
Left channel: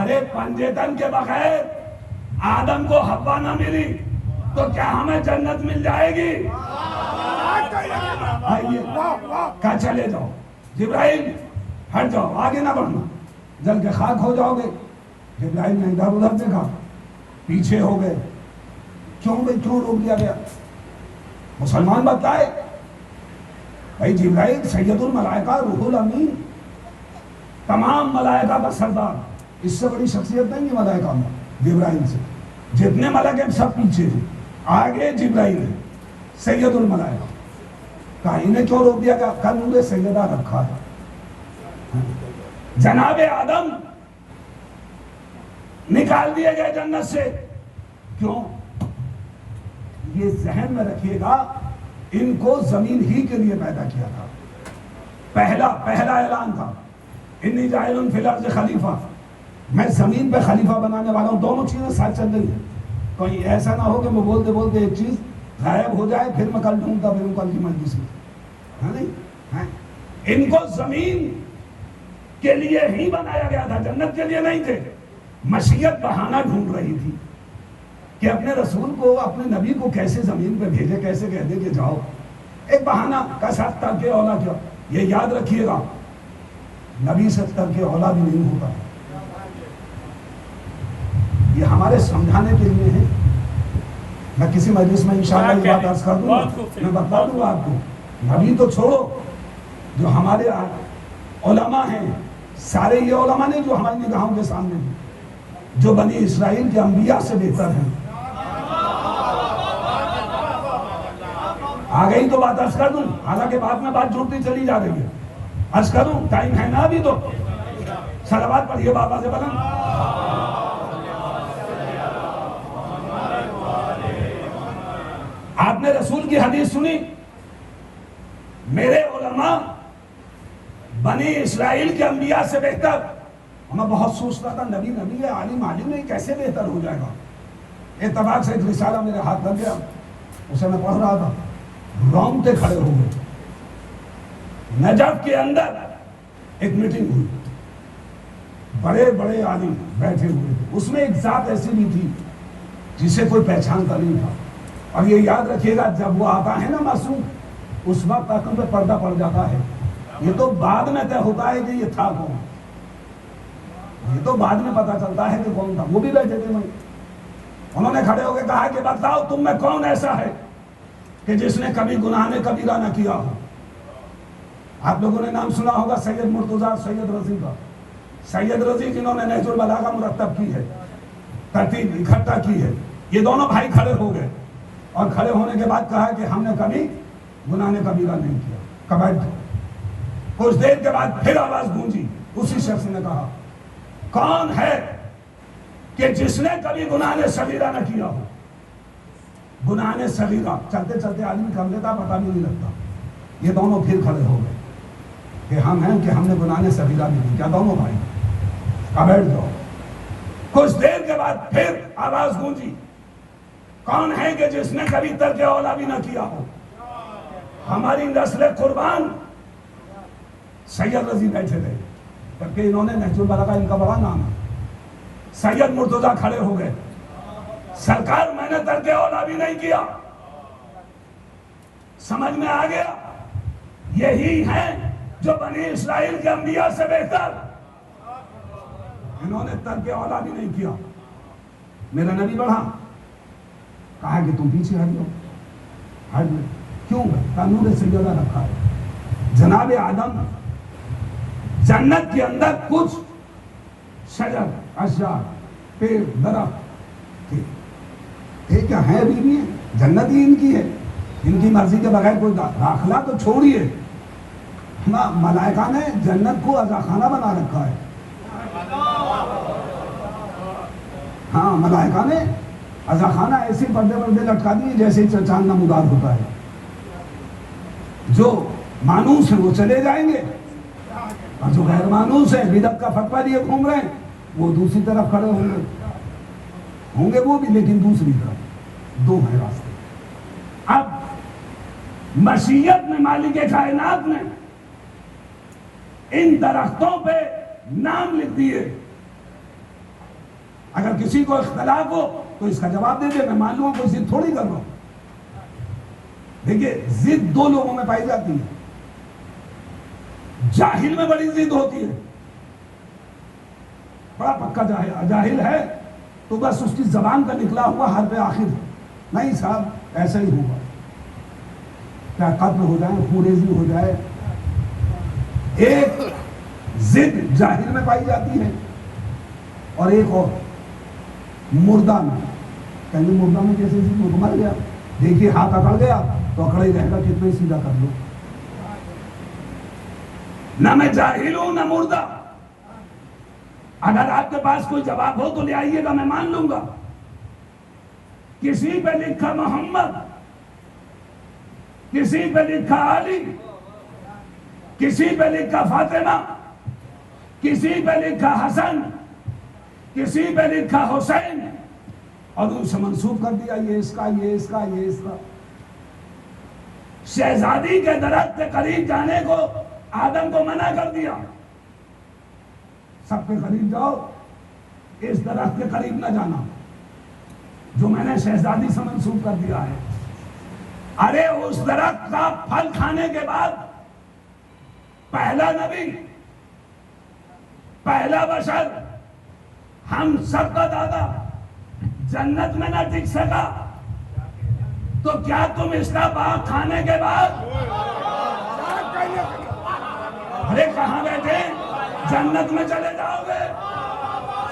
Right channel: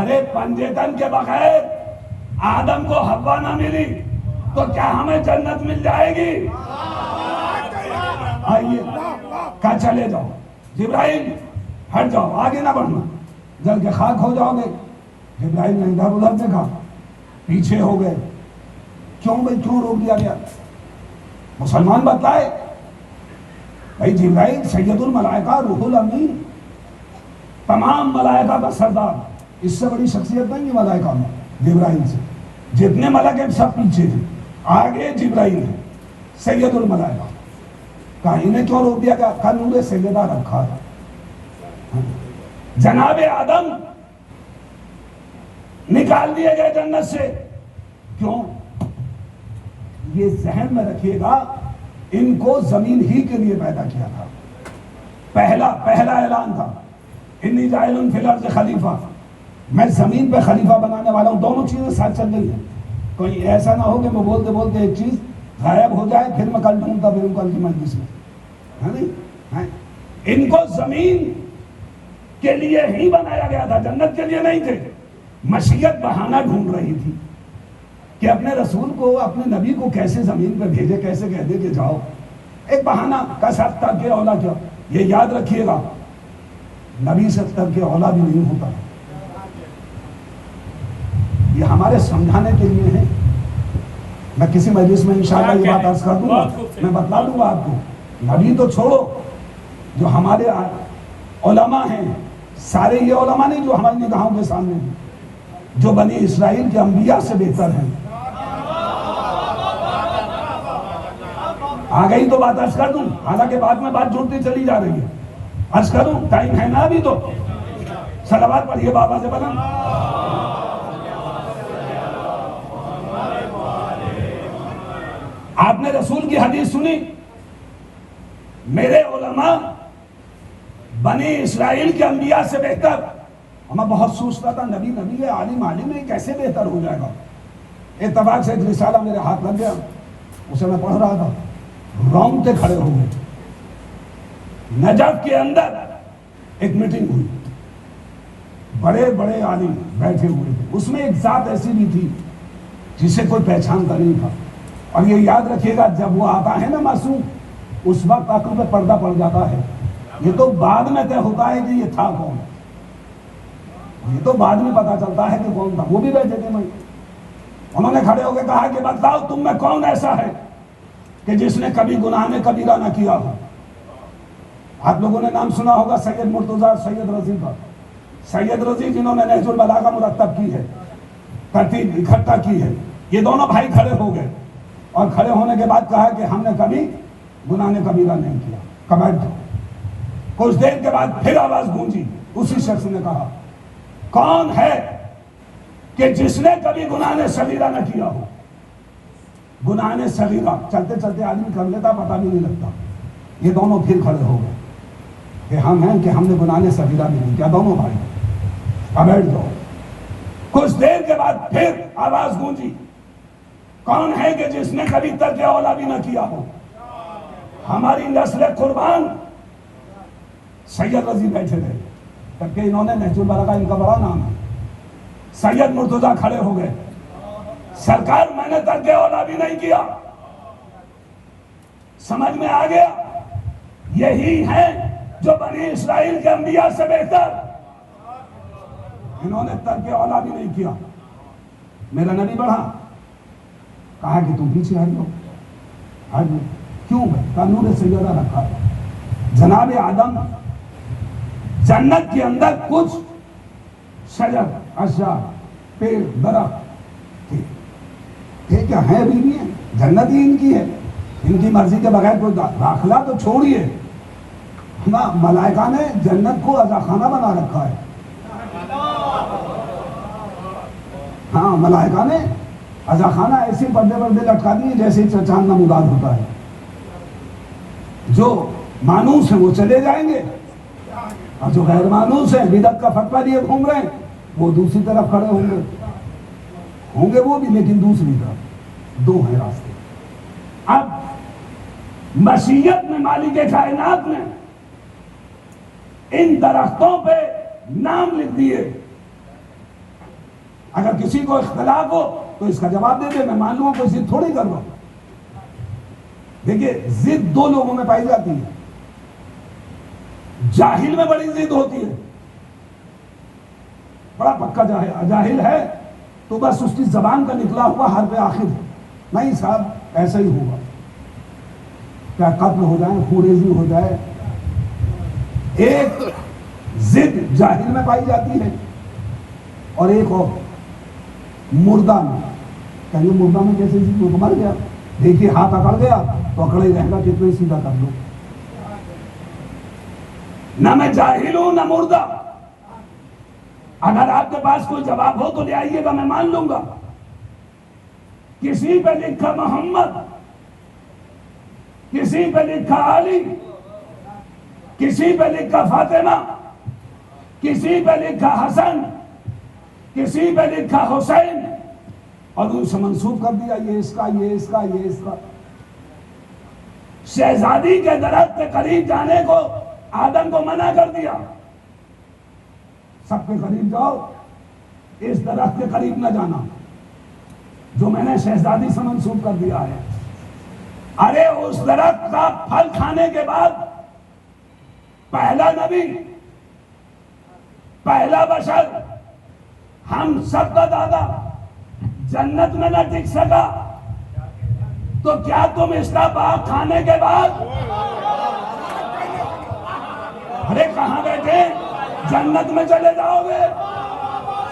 ارے پنجیتن کے بغیر آدم کو حوا نہ ملی تو کیا ہمیں جنت مل جائے گی؟ آئیے کہا چلے جاؤ جبرائیل ہٹ جاؤ، آگے نہ بڑھنا، جل کے خاک ہو جاؤ گے. جبرائیل نے ادھر ادھر دیکھا، پیچھے ہو گئے. کیوں بھائی، کیوں روک دیا گیا؟ مسلمان بتائے بھائی جبرائیل سید الملائکہ روح الامین، تمام ملائکہ کا سردار، اس سے بڑی شخصیت نہیں ہے ملائکہ میں جبرائیل سے. جتنے ملک ہیں سب پیچھے ہیں، آگے جبرائیل ہے سید الملائکہ. کہا انہیں کیوں روک دیا گیا؟ کہا نور سیدہ رکھا تھا. جناب آدم نکال دیے گئے جنت سے. کیوں؟ یہ ذہن میں رکھیے گا، ان کو زمین ہی کے لیے پیدا کیا تھا. پہلا اعلان تھا انی جاعل فی الارض خلیفہ، میں زمین پہ خلیفہ بنانے والا ہوں. دونوں چیزیں ساتھ چل رہی ہیں. کوئی ایسا نہ ہو کہ میں بولتے بولتے ایک چیز غائب ہو جائے، پھر میں کل ڈھونڈتا پھر کل کی مجلس میں. ہاں نہیں، ان کو زمین کے لیے ہی بنایا گیا تھا، جنت کے لیے نہیں تھے. مشیت بہانہ ڈھونڈ رہی تھی کہ اپنے رسول کو، اپنے نبی کو کیسے زمین پہ بھیجے، کیسے کہہ دے کہ جاؤ. ایک بہانہ کا ساتھ ترک اولا کیا. یہ یاد رکھیے گا، نبی سے ترک اولا بھی نہیں ہوتا. یہ ہمارے سمجھانے کے لیے ہے. میں کسی مجلس میں انشاءاللہ یہ بات عرض کر دوں گا، میں بتا دوں گا آپ کو. نبی تو چھوڑو، جو ہمارے علماء ہیں، سارے یہ علماء نہیں جو ہماری نگاہوں کے سامنے ہیں، جو بنی اسرائیل کے انبیاء سے بہتر ہیں. آ گئی تو بات عرض کر دوں، حالانکہ بعد میں بات جھوٹتی چلی جا رہی ہے. عرض کر دوں، ٹائم ہے نا ابھی تو. صلوات پڑھیے بابا سے بلند. آپ نے رسول کی حدیث سنی، میرے علماء بنی اسرائیل کے انبیاء سے بہتر. میں بہت سوچتا تھا نبی نبی ہے، عالم عالم ہے، کیسے بہتر ہو جائے گا. اتفاق سے ایک رسالہ میرے ہاتھ لگ گیا، اسے میں پڑھ رہا تھا، رونگٹے کھڑے ہو گئے. نجف کے اندر ایک میٹنگ ہوئی، بڑے بڑے عالم بیٹھے ہوئے تھے. اس میں ایک ذات ایسی بھی تھی جسے کوئی پہچانتا نہیں تھا. اور یہ یاد رکھیے گا، جب وہ آتا ہے نا معصوم، اس وقت آنکھوں پہ پردہ پڑ جاتا ہے. یہ تو بعد میں طے ہوتا ہے کہ یہ تھا کون، یہ تو بعد میں پتا چلتا ہے کہ کون تھا. وہ بھی بیٹھے تھے. انہوں نے کھڑے ہو کے کہا کہ بتاؤ تم میں کون ایسا ہے کہ جس نے کبھی گناہ کبیرہ نہ کیا ہو. آپ لوگوں نے نام سنا ہوگا سید مرتضیٰ سید رضی کا. سید رضی جنہوں نے نہج البلاغہ مرتب کی ہے، ترتیب اکٹھا کی ہے. یہ دونوں بھائی کھڑے ہو گئے اور کھڑے ہونے کے بعد کہا کہ ہم نے کبھی گناہ کبیرہ نہیں کیا. کبھی کچھ دیر کے بعد پھر آواز گونجی. اسی شخص نے کہا کون ہے کہ جس نے کبھی گناہ صغیرہ نہ کیا ہو. گناہ صغیرہ چلتے چلتے آدمی کر لیتا، پتہ بھی نہیں لگتا. یہ دونوں پھر کھڑے ہو گئے کہ ہم ہیں کہ ہم نے گناہ صغیرہ بھی نہیں کیا. دونوں بھائی اب بیٹھ جاؤ. کچھ دیر کے بعد پھر آواز گونجی کون ہے کہ جس نے کبھی ترک اولا بھی نہ کیا ہو. ہماری نسل قربان. سید رضی بیٹھے تھے کیونکہ انہوں نے نہج البلاغہ ان کا بڑا نام ہے. سید مرتضیٰ کھڑے ہو گئے، سرکار میں نے ترک اولا بھی نہیں کیا. سمجھ میں آ گیا، یہی ہیں جو بنی اسرائیل کے انبیاء سے بہتر. انہوں نے ترک اولا بھی نہیں کیا. میرا نبی بڑھا، کہا کہ تم پیچھے ہٹ جاؤ. ہٹ جاؤ کیوں؟ قانون سیدہ رکھا. جناب آدم جنت کے اندر کچھ شجر اشجار پیڑ درخت یہ کیا ہے بیوی ہیں جنت ہی ان کی ہے ان کی مرضی کے بغیر کوئی داخلہ تو چھوڑیے نا ملائکہ نے جنت کو عزاخانہ بنا رکھا ہے ہاں ملائکہ نے عزاخانہ ایسے پردے لٹکا دیے جیسے چاند نمودار ہوتا ہے جو مانوس ہیں وہ چلے جائیں گے اور جو غیر مانوس ہیں بدعت کا فتویٰ لیے گھوم رہے ہیں وہ دوسری طرف کھڑے ہوں گے وہ بھی لیکن دوسری طرف دو ہیں راستے اب مشیت میں مالک کائنات نے ان درختوں پہ نام لکھ دیے اگر کسی کو اختلاف ہو تو اس کا جواب دے دے میں مان لوں کوئی ضد تھوڑی کر رہا ہوں دیکھیے ضد دو لوگوں میں پائی جاتی ہے جاہل میں بڑی ضد ہوتی ہے بڑا پکا جاہل ہے تو بس اس کی زبان کا نکلا ہوا حرف آخر نہیں صاحب ایسا ہی ہوگا کیا قتل ہو جائے خوریزی ہو جائے ایک ضد جاہل میں پائی جاتی ہے اور ایک اور مردہ میں کہیں مردہ میں کیسے ضد وہ مر گیا دیکھیے ہاتھ اکڑ گیا تو اکڑا ہی رہے گا کتنا ہی سیدھا کرنا نہ میں جاہل ہوں نہ مردہ اگر آپ کے پاس کوئی جواب ہو تو لے آئیے گا میں مان لوں گا کسی پہ لکھا محمد کسی پہ لکھا علی کسی پہ لکھا فاطمہ کسی پہ لکھا حسن کسی پہ لکھا حسین اور ان سے منسوب کر دیا یہ اس کا یہ اس کا یہ اس کا شہزادی کے درخت کے قریب جانے کو آدم کو منع کر دیا سب کے قریب جاؤ اس درخت کے قریب نہ جانا جو میں نے شہزادی سے منسوب کر دیا ہے ارے اس درخت کا پھل کھانے کے بعد پہلا نبی پہلا بشر ہم سب کا دادا جنت میں نہ ٹک سکا تو کیا تم اس کا باغ کھانے کے بعد ارے کہاں بیٹھے جنت میں چلے جاؤ گے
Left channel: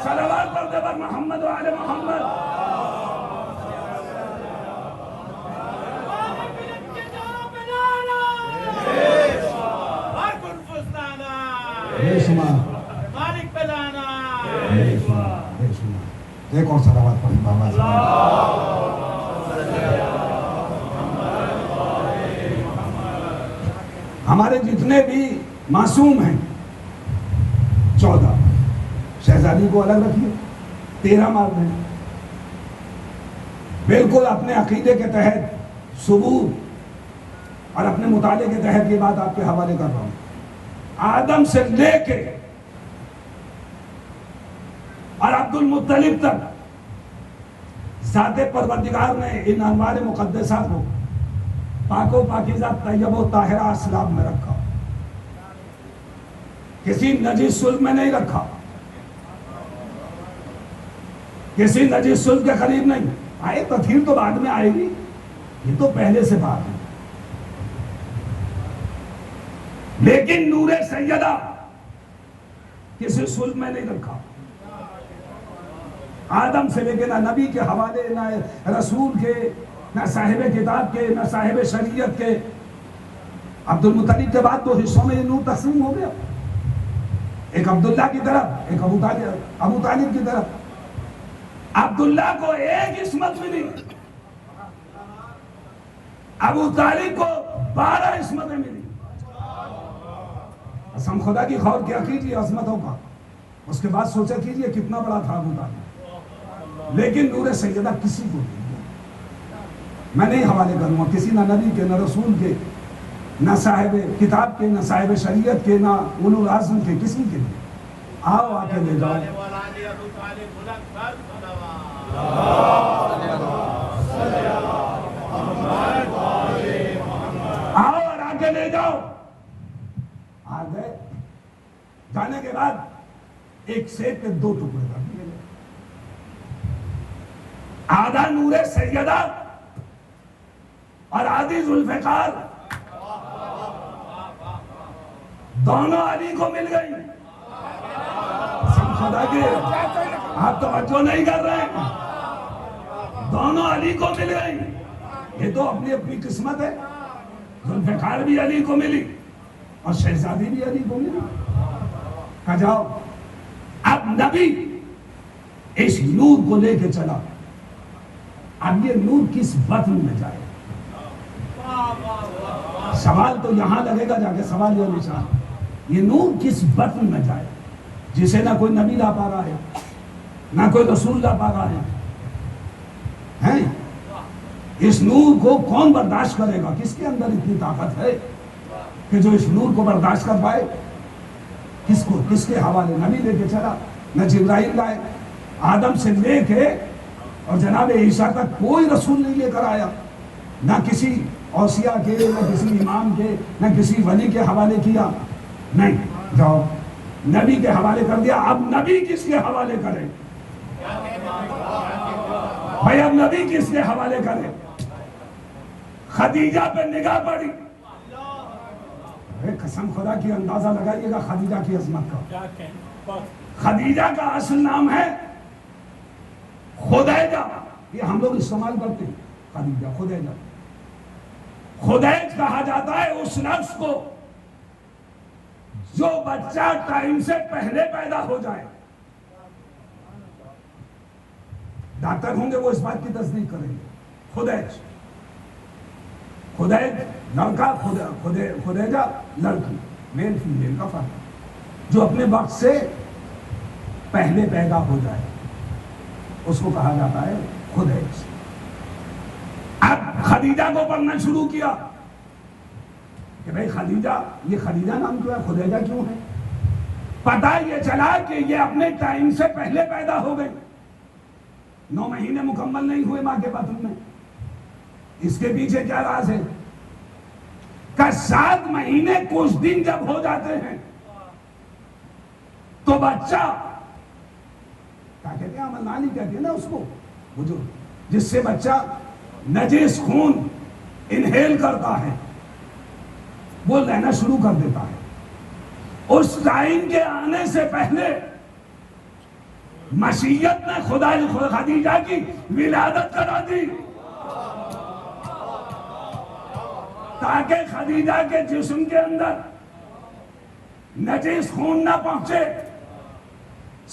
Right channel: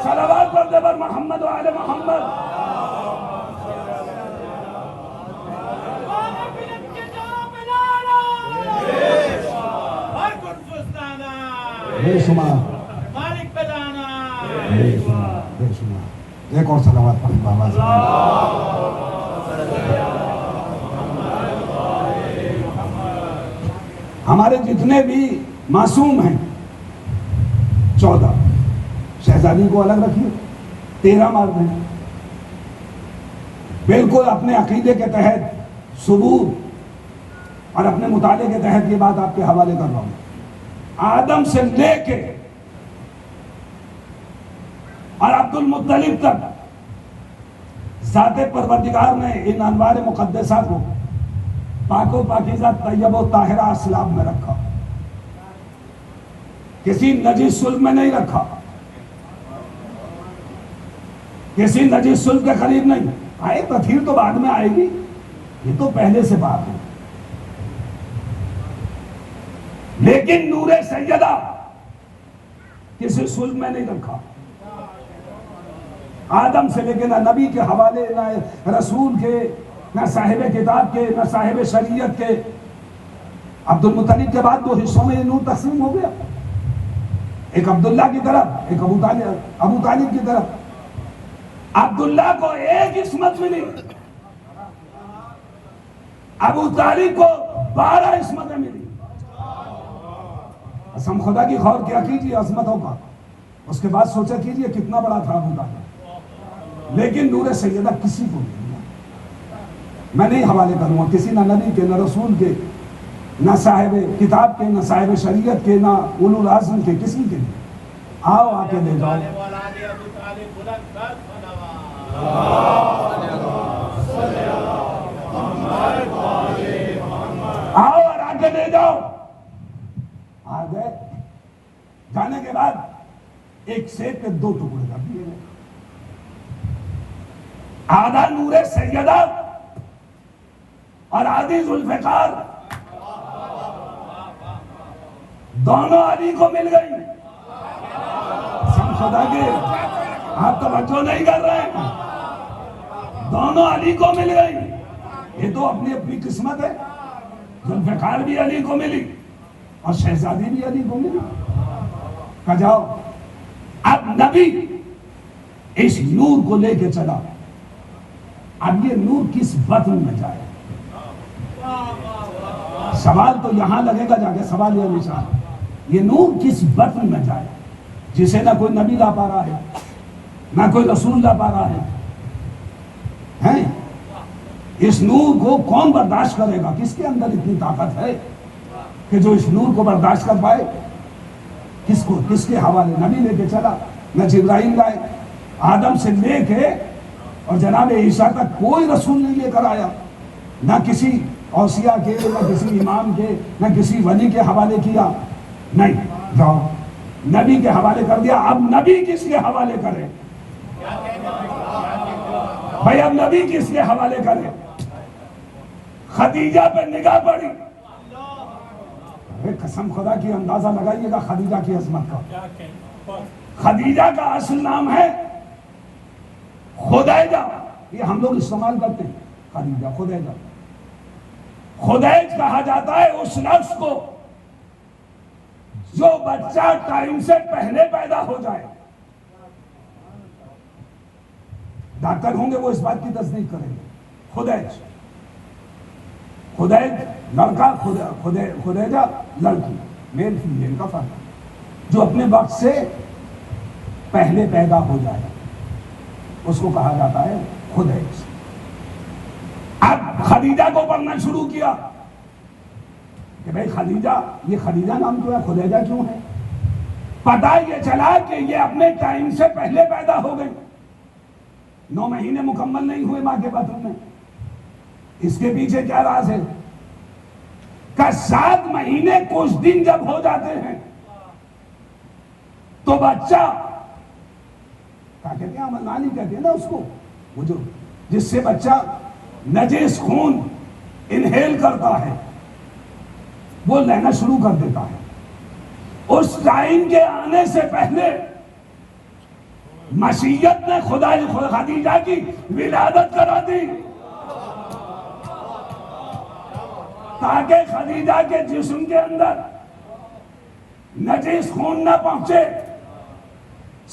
صلوات پڑھتے پر محمد و آل محمد بے شمار مالک پلانا بے شمار ایک اور صلوات پڑھیں بابا ہمارے جتنے بھی معصوم ہیں 14 شہزادی کو الگ رکھیے 13 مرد ہیں بالکل اپنے عقیدے کے تحت ثبوت اور اپنے مطالعے کے تحت یہ بات آپ کے حوالے کر رہا ہوں آدم سے لے کے اور عبد المطلب تک ذات پروردگار نے ان انوار مقدسہ کو پاک و پاکیزہ طیب و طاہرہ اسلام میں رکھا کسی نجس صلب میں نہیں رکھا کسی نجس صلب کے قریب نہیں آئے تطہیر تو بعد میں آئے گی یہ تو پہلے سے بات ہے لیکن نور سیدہ کسی صلب میں نہیں رکھا آدم سے لے کے نہ نبی کے حوالے نہ رسول کے نہ صاحب کتاب کے نہ صاحب شریعت کے عبد المطلب کے بعد 2 حصوں میں یہ نور تقسیم ہو گیا ایک عبداللہ کی طرف ایک ابو طالب کی طرف عبداللہ کو ایک عصمت ملی ابو طالب کو 12 عصمتیں ملی ہم خدا کی خور کیا کیجیے عظمتوں کا اس کے بعد سوچا کیجیے کتنا بڑا تھا ابو طالب لیکن نور سیدہ کسی کو نہیں میں نہیں حوالے کروں گا کسی نہ نبی کے نہ رسول کے نہ صاحب کتاب کے نہ صاحب شریعت کے نہ اولو العزم کے کسی کے نہیں آؤ آ کے لے جاؤ آؤ اور آ کے لے جاؤ آ گئے جانے کے بعد ایک سیب کے 2 ٹکڑے کر دیے آدھا نور سیدہ اور آدھی ذوالفقار دونوں علی کو مل گئی خدا کے آپ توجہ نہیں کر رہے ہیں. دونوں علی کو مل گئی. یہ تو اپنی اپنی قسمت ہے. ذوالفقار بھی علی کو ملی اور شہزادی بھی علی کو ملی. کہا جاؤ اب نبی اس نور کو لے کے چلا. اب یہ نور کس بطن میں جائے؟ سوال تو یہاں لگے گا جا کے. سوال یہ نشان یہ نور کس بطن میں جائے جسے نہ کوئی نبی لا پا رہا ہے نہ کوئی رسول لا پا رہا ہے. اس نور کو کون برداشت کرے گا؟ کس کے اندر اتنی طاقت ہے کہ جو اس نور کو برداشت کر پائے؟ کس کو؟ کس کے حوالے؟ نبی لے کے چلا. نہ جبرائیل لائے. آدم سے لے کے اور جناب عیسیٰ تک کوئی رسول نہیں لے کر آیا. نہ کسی اوصیاء کے، نہ کسی امام کے، نہ کسی ولی کے حوالے کیا. نہیں، جاؤ نبی کے حوالے کر دیا. اب نبی کس کے حوالے کرے بھائی؟ اب نبی کس کے حوالے کرے؟ خدیجہ پہ نگاہ پڑی. قسم خدا کی اندازہ لگائیے گا خدیجہ کی عظمت کا. خدیجہ کا اصل نام ہے خدیجہ. یہ ہم لوگ استعمال کرتے ہیں خدیجہ، خدیجہ. خدیج کہا جاتا ہے اس نفس کو جو بچہ ٹائم سے پہلے پیدا ہو جائے. ڈاکٹر ہوں گے وہ اس بات کی تصدیق کریں گے. خدیج، خدیج لڑکا، خدیجہ لڑکی. میل فیمیل کا فرق. جو اپنے وقت سے پہلے پیدا ہو جائے اس کو کہا جاتا ہے خدیج. اب خدیجہ کو پڑھنا شروع کیا کہ بھئی خدیجہ، یہ خدیجہ نام کیوں ہے؟ خدیجہ کیوں ہے؟ پتہ یہ چلا کہ یہ اپنے ٹائم سے پہلے پیدا ہو گئی. 9 مہینے مکمل نہیں ہوئے ماں کے بطن میں. اس کے پیچھے کیا راز ہے؟ کہ 7 مہینے کچھ دن جب ہو جاتے ہیں تو بچہ کیا کہتے ہیں، نالی کہتے ہیں نا اس کو، وہ جو جس سے بچہ نجس خون انہیل کرتا ہے وہ لینا شروع کر دیتا ہے. اس ٹائم کے آنے سے پہلے مشیت نے خدیجہ کی ولادت کرا دی تاکہ خدیجہ کے جسم کے اندر نجس خون نہ پہنچے.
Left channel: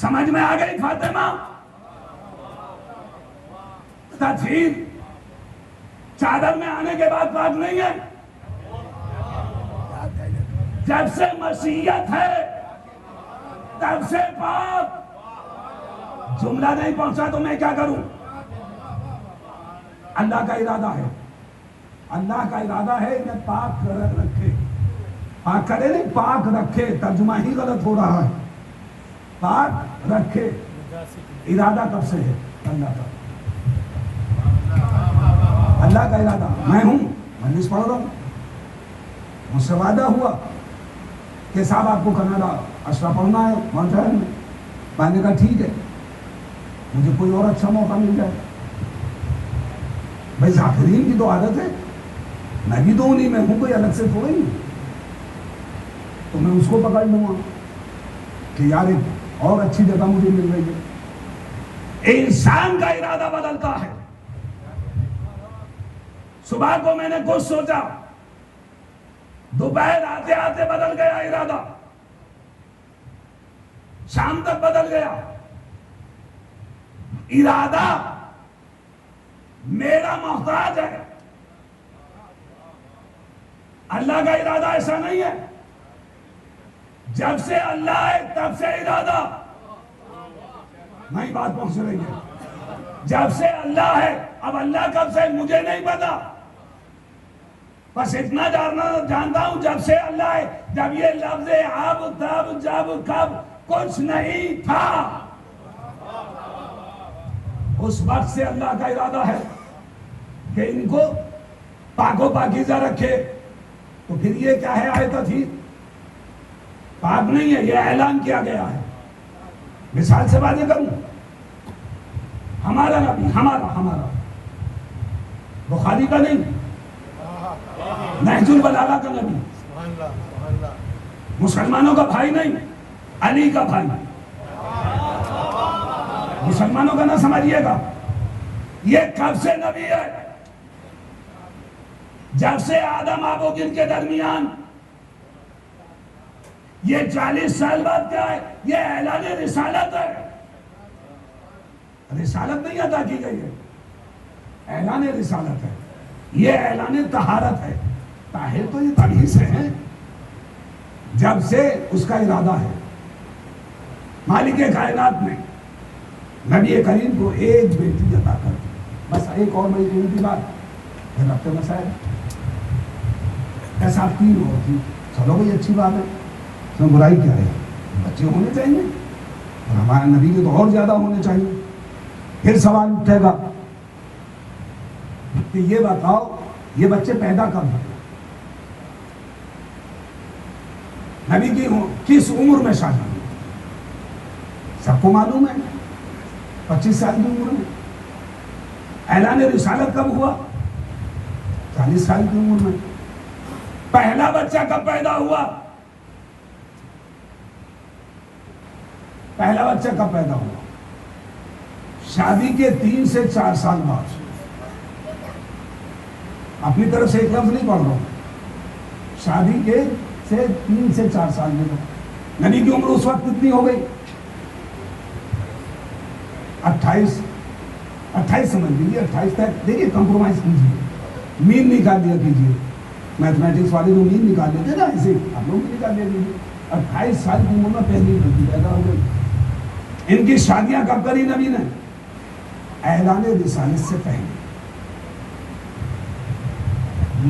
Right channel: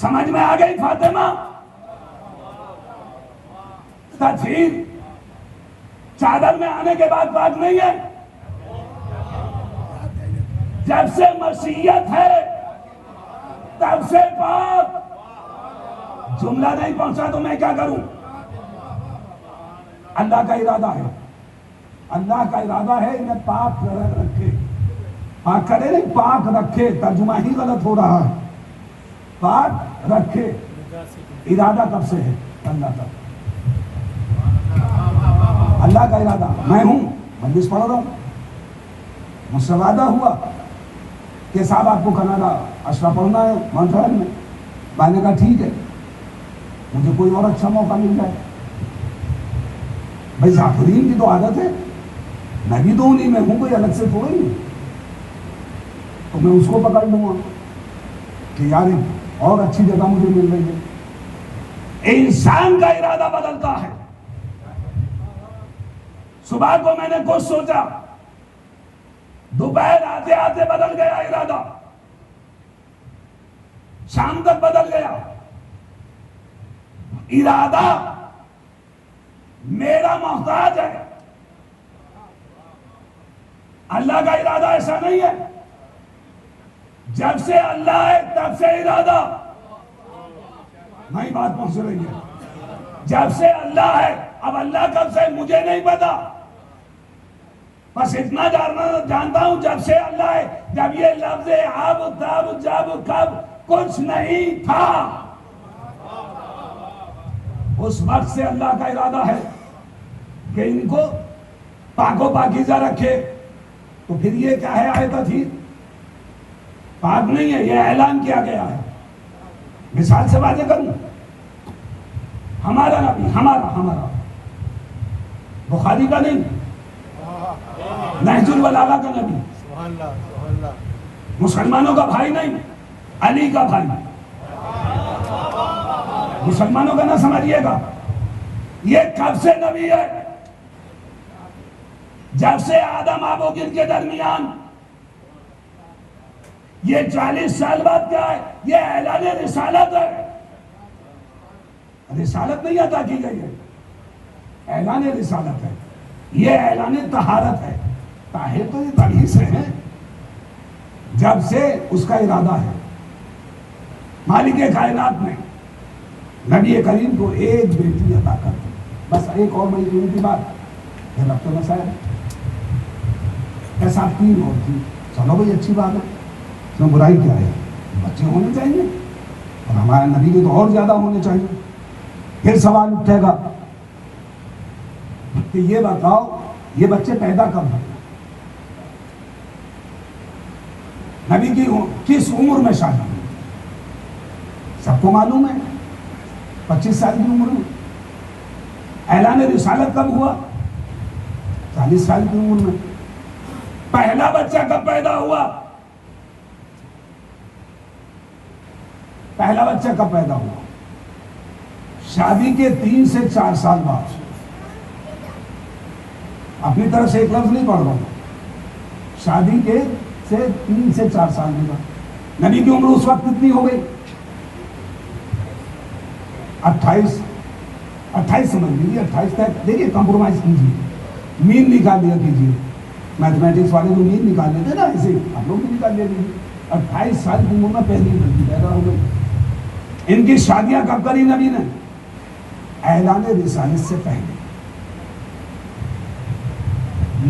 سمجھ میں آ گئی فاطمہ؟ تطہیر چادر میں آنے کے بعد پاک نہیں ہے. جب سے مسیحیت ہے تب سے پاک. جملہ نہیں پہنچا تو میں کیا کروں؟ اللہ کا ارادہ ہے، اللہ کا ارادہ ہے انہیں پاک رکھے. پاک کرے نہیں، پاک رکھے. ترجمہ ہی غلط ہو رہا ہے. پاک رکھے ارادہ کب سے ہے؟ اللہ کا. اللہ کا ارادہ. میں ہوں حدیث پڑھ رہا ہوں، مجھ سے وعدہ ہوا کہ صاحب آپ کو کینیڈا اشرا پڑھنا ہے مونٹریال میں. میں نے کہا ٹھیک ہے، مجھے کوئی اور اچھا موقع مل جائے. بھائی ذاکرین کی تو عادت ہے، میں بھی تو انہیں میں ہوں، کوئی الگ سے تھوڑا ہی. تو میں اس کو پکڑ لوں گا کہ یار اور اچھی جگہ مجھے مل رہی ہے. انسان کا ارادہ بدلتا ہے. صبح کو میں نے کچھ سوچا، دوپہر آتے آتے بدل گیا ارادہ، شام تک بدل گیا. ارادہ میرا محتاج ہے، اللہ کا ارادہ ایسا نہیں ہے. جب سے اللہ ہے تب سے ارادہ نہیں. بات پہنچ رہی ہے؟ جب سے اللہ ہے. اب اللہ کب سے مجھے نہیں پتا، بس اتنا جانتا ہوں جب سے اللہ ہے. جب یہ لفظ اب تب جب کب کچھ نہیں تھا اس وقت سے اللہ کا ارادہ ہے کہ ان کو پاک و پاکیزہ رکھے. تو پھر یہ کیا ہے؟ آیت تھی پاک نہیں ہے، یہ اعلان کیا گیا ہے. مثال سے باتیں کروں، ہمارا نبی، ہمارا بخاری کا نہیں، نہج البلاغہ کا نبی، مسلمانوں کا بھائی نہیں، علی کا بھائی. مسلمانوں کا نہ سمجھیے گا، یہ کب سے نبی ہے؟ جب سے آدم آب و گل کے درمیان، یہ 40 سال بعد کیا ہے؟ یہ اعلان رسالت ہے۔ رسالت نہیں عطا کی گئی ہے، اعلان رسالت ہے، یہ اعلان طہارت ہے۔ طاہر تو یہ تبھی سے ہے جب سے اس کا ارادہ ہے۔ مالک کائنات نے نبی کریم کو ایک بیٹی عطا کر دی، بس ایک اور بڑی قیمتی بات، یہ رکھتے مسائل ایسا 3 اور تھی، چلو بھائی اچھی بات ہے، اس میں برائی کیا ہے؟ بچے ہونے چاہیے، اور ہمارے نبی کے تو اور زیادہ ہونے چاہیے۔ پھر سوال اٹھے گا کہ یہ بتاؤ یہ بچے پیدا کب ہوں؟ نبی کی کس عمر میں شادی ہوئی؟ سب کو معلوم ہے، 25 سال کی عمر میں۔ اعلان رسالت کب ہوا؟ 40 سال کی عمر میں۔ پہلا بچہ کب پیدا ہوا؟ پہلا بچہ کب پیدا ہوا؟ شادی کے 3 سے 4 سال بعد۔ اپنی طرف سے ایک لفظ نہیں پڑھ رہا، شادی کے سے 3 سے 4 سال کے بعد۔ نبی کی عمر اس وقت کتنی ہو گئی؟ 28 سمجھ لیجیے، 28 تک دیکھیے، کمپرومائز کیجیے، مین نکال لیا کیجیے، میتھمیٹکس والے جو مین نکال لیتے نا، ایسے آپ لوگ بھی نکال لیا کیجیے۔ 28 سال کی عمر میں پہلی لڑکی پیدا ہو گئی۔ ان کی شادیاں کب کری نبی نے؟ اعلان رسالت سے پہلے۔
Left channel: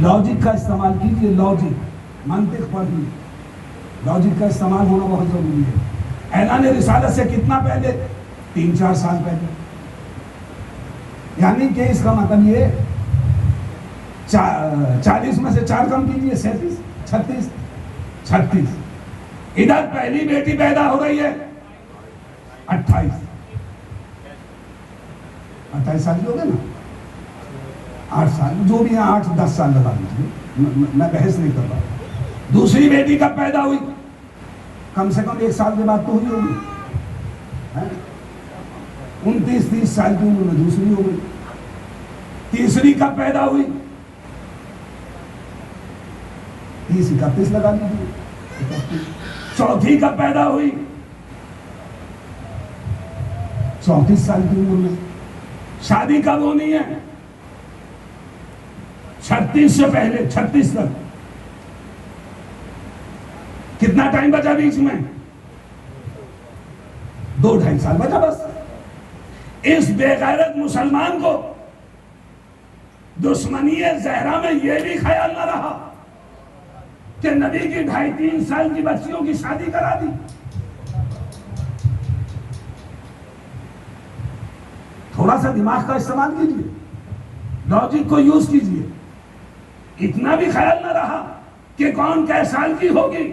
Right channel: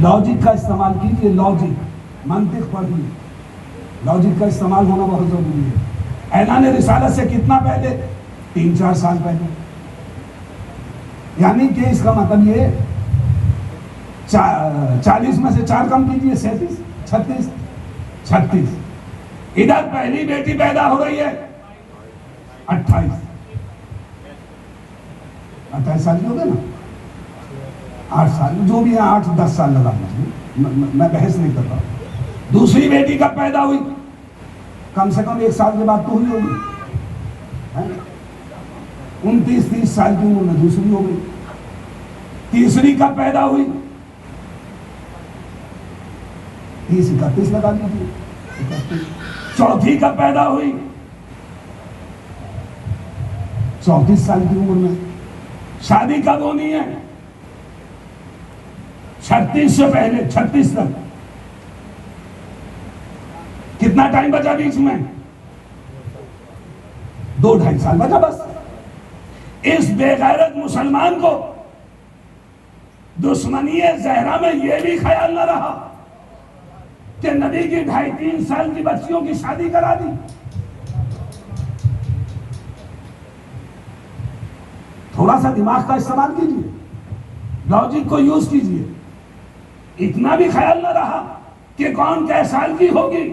لاجک کا استعمال کیجیے، لاجک، منطق پڑھیے، لاجک کا استعمال ہونا بہت ضروری ہے۔ اعلان رسالت سے کتنا پہلے؟ 3-4 سال پہلے۔ یعنی کہ اس کا مطلب یہ 40 میں سے 4 کم کیجیے، 37، 36۔ ادھر پہلی بیٹی پیدا ہو رہی ہے 28 سال کی ہو گئی نا، 8 سال جو بھی ہے، 8-10 سال لگا لیجیے، میں بحث نہیں کر رہا۔ دوسری بیٹی کب پیدا ہوئی؟ کم سے کم 1 سال کے بعد تو ہوئی ہوگی، 29-30 سال کی عمر میں دوسری ہو گئی۔ تیسری کب پیدا ہوئی؟ 30-31 لگا لیجیے، 31۔ چوتھی کب پیدا ہوئی؟ 34 سال کی عمر میں۔ شادی کب ہونی ہے؟ 36 سے پہلے، 36 تک۔ کتنا ٹائم بچا بیچ میں؟ 2-2.5 سال بچا بس۔ اس بے غیرت مسلمان کو دشمنی زہرا میں یہ بھی خیال نہ رہا کہ نبی کی 2.5-3 سال کی بچیوں کی شادی کرا دی۔ تھوڑا سا دماغ کا استعمال کیجیے، لاجک کو یوز کیجیے۔ اتنا بھی خیال نہ رہا کہ کون کئے سال کی ہوگی،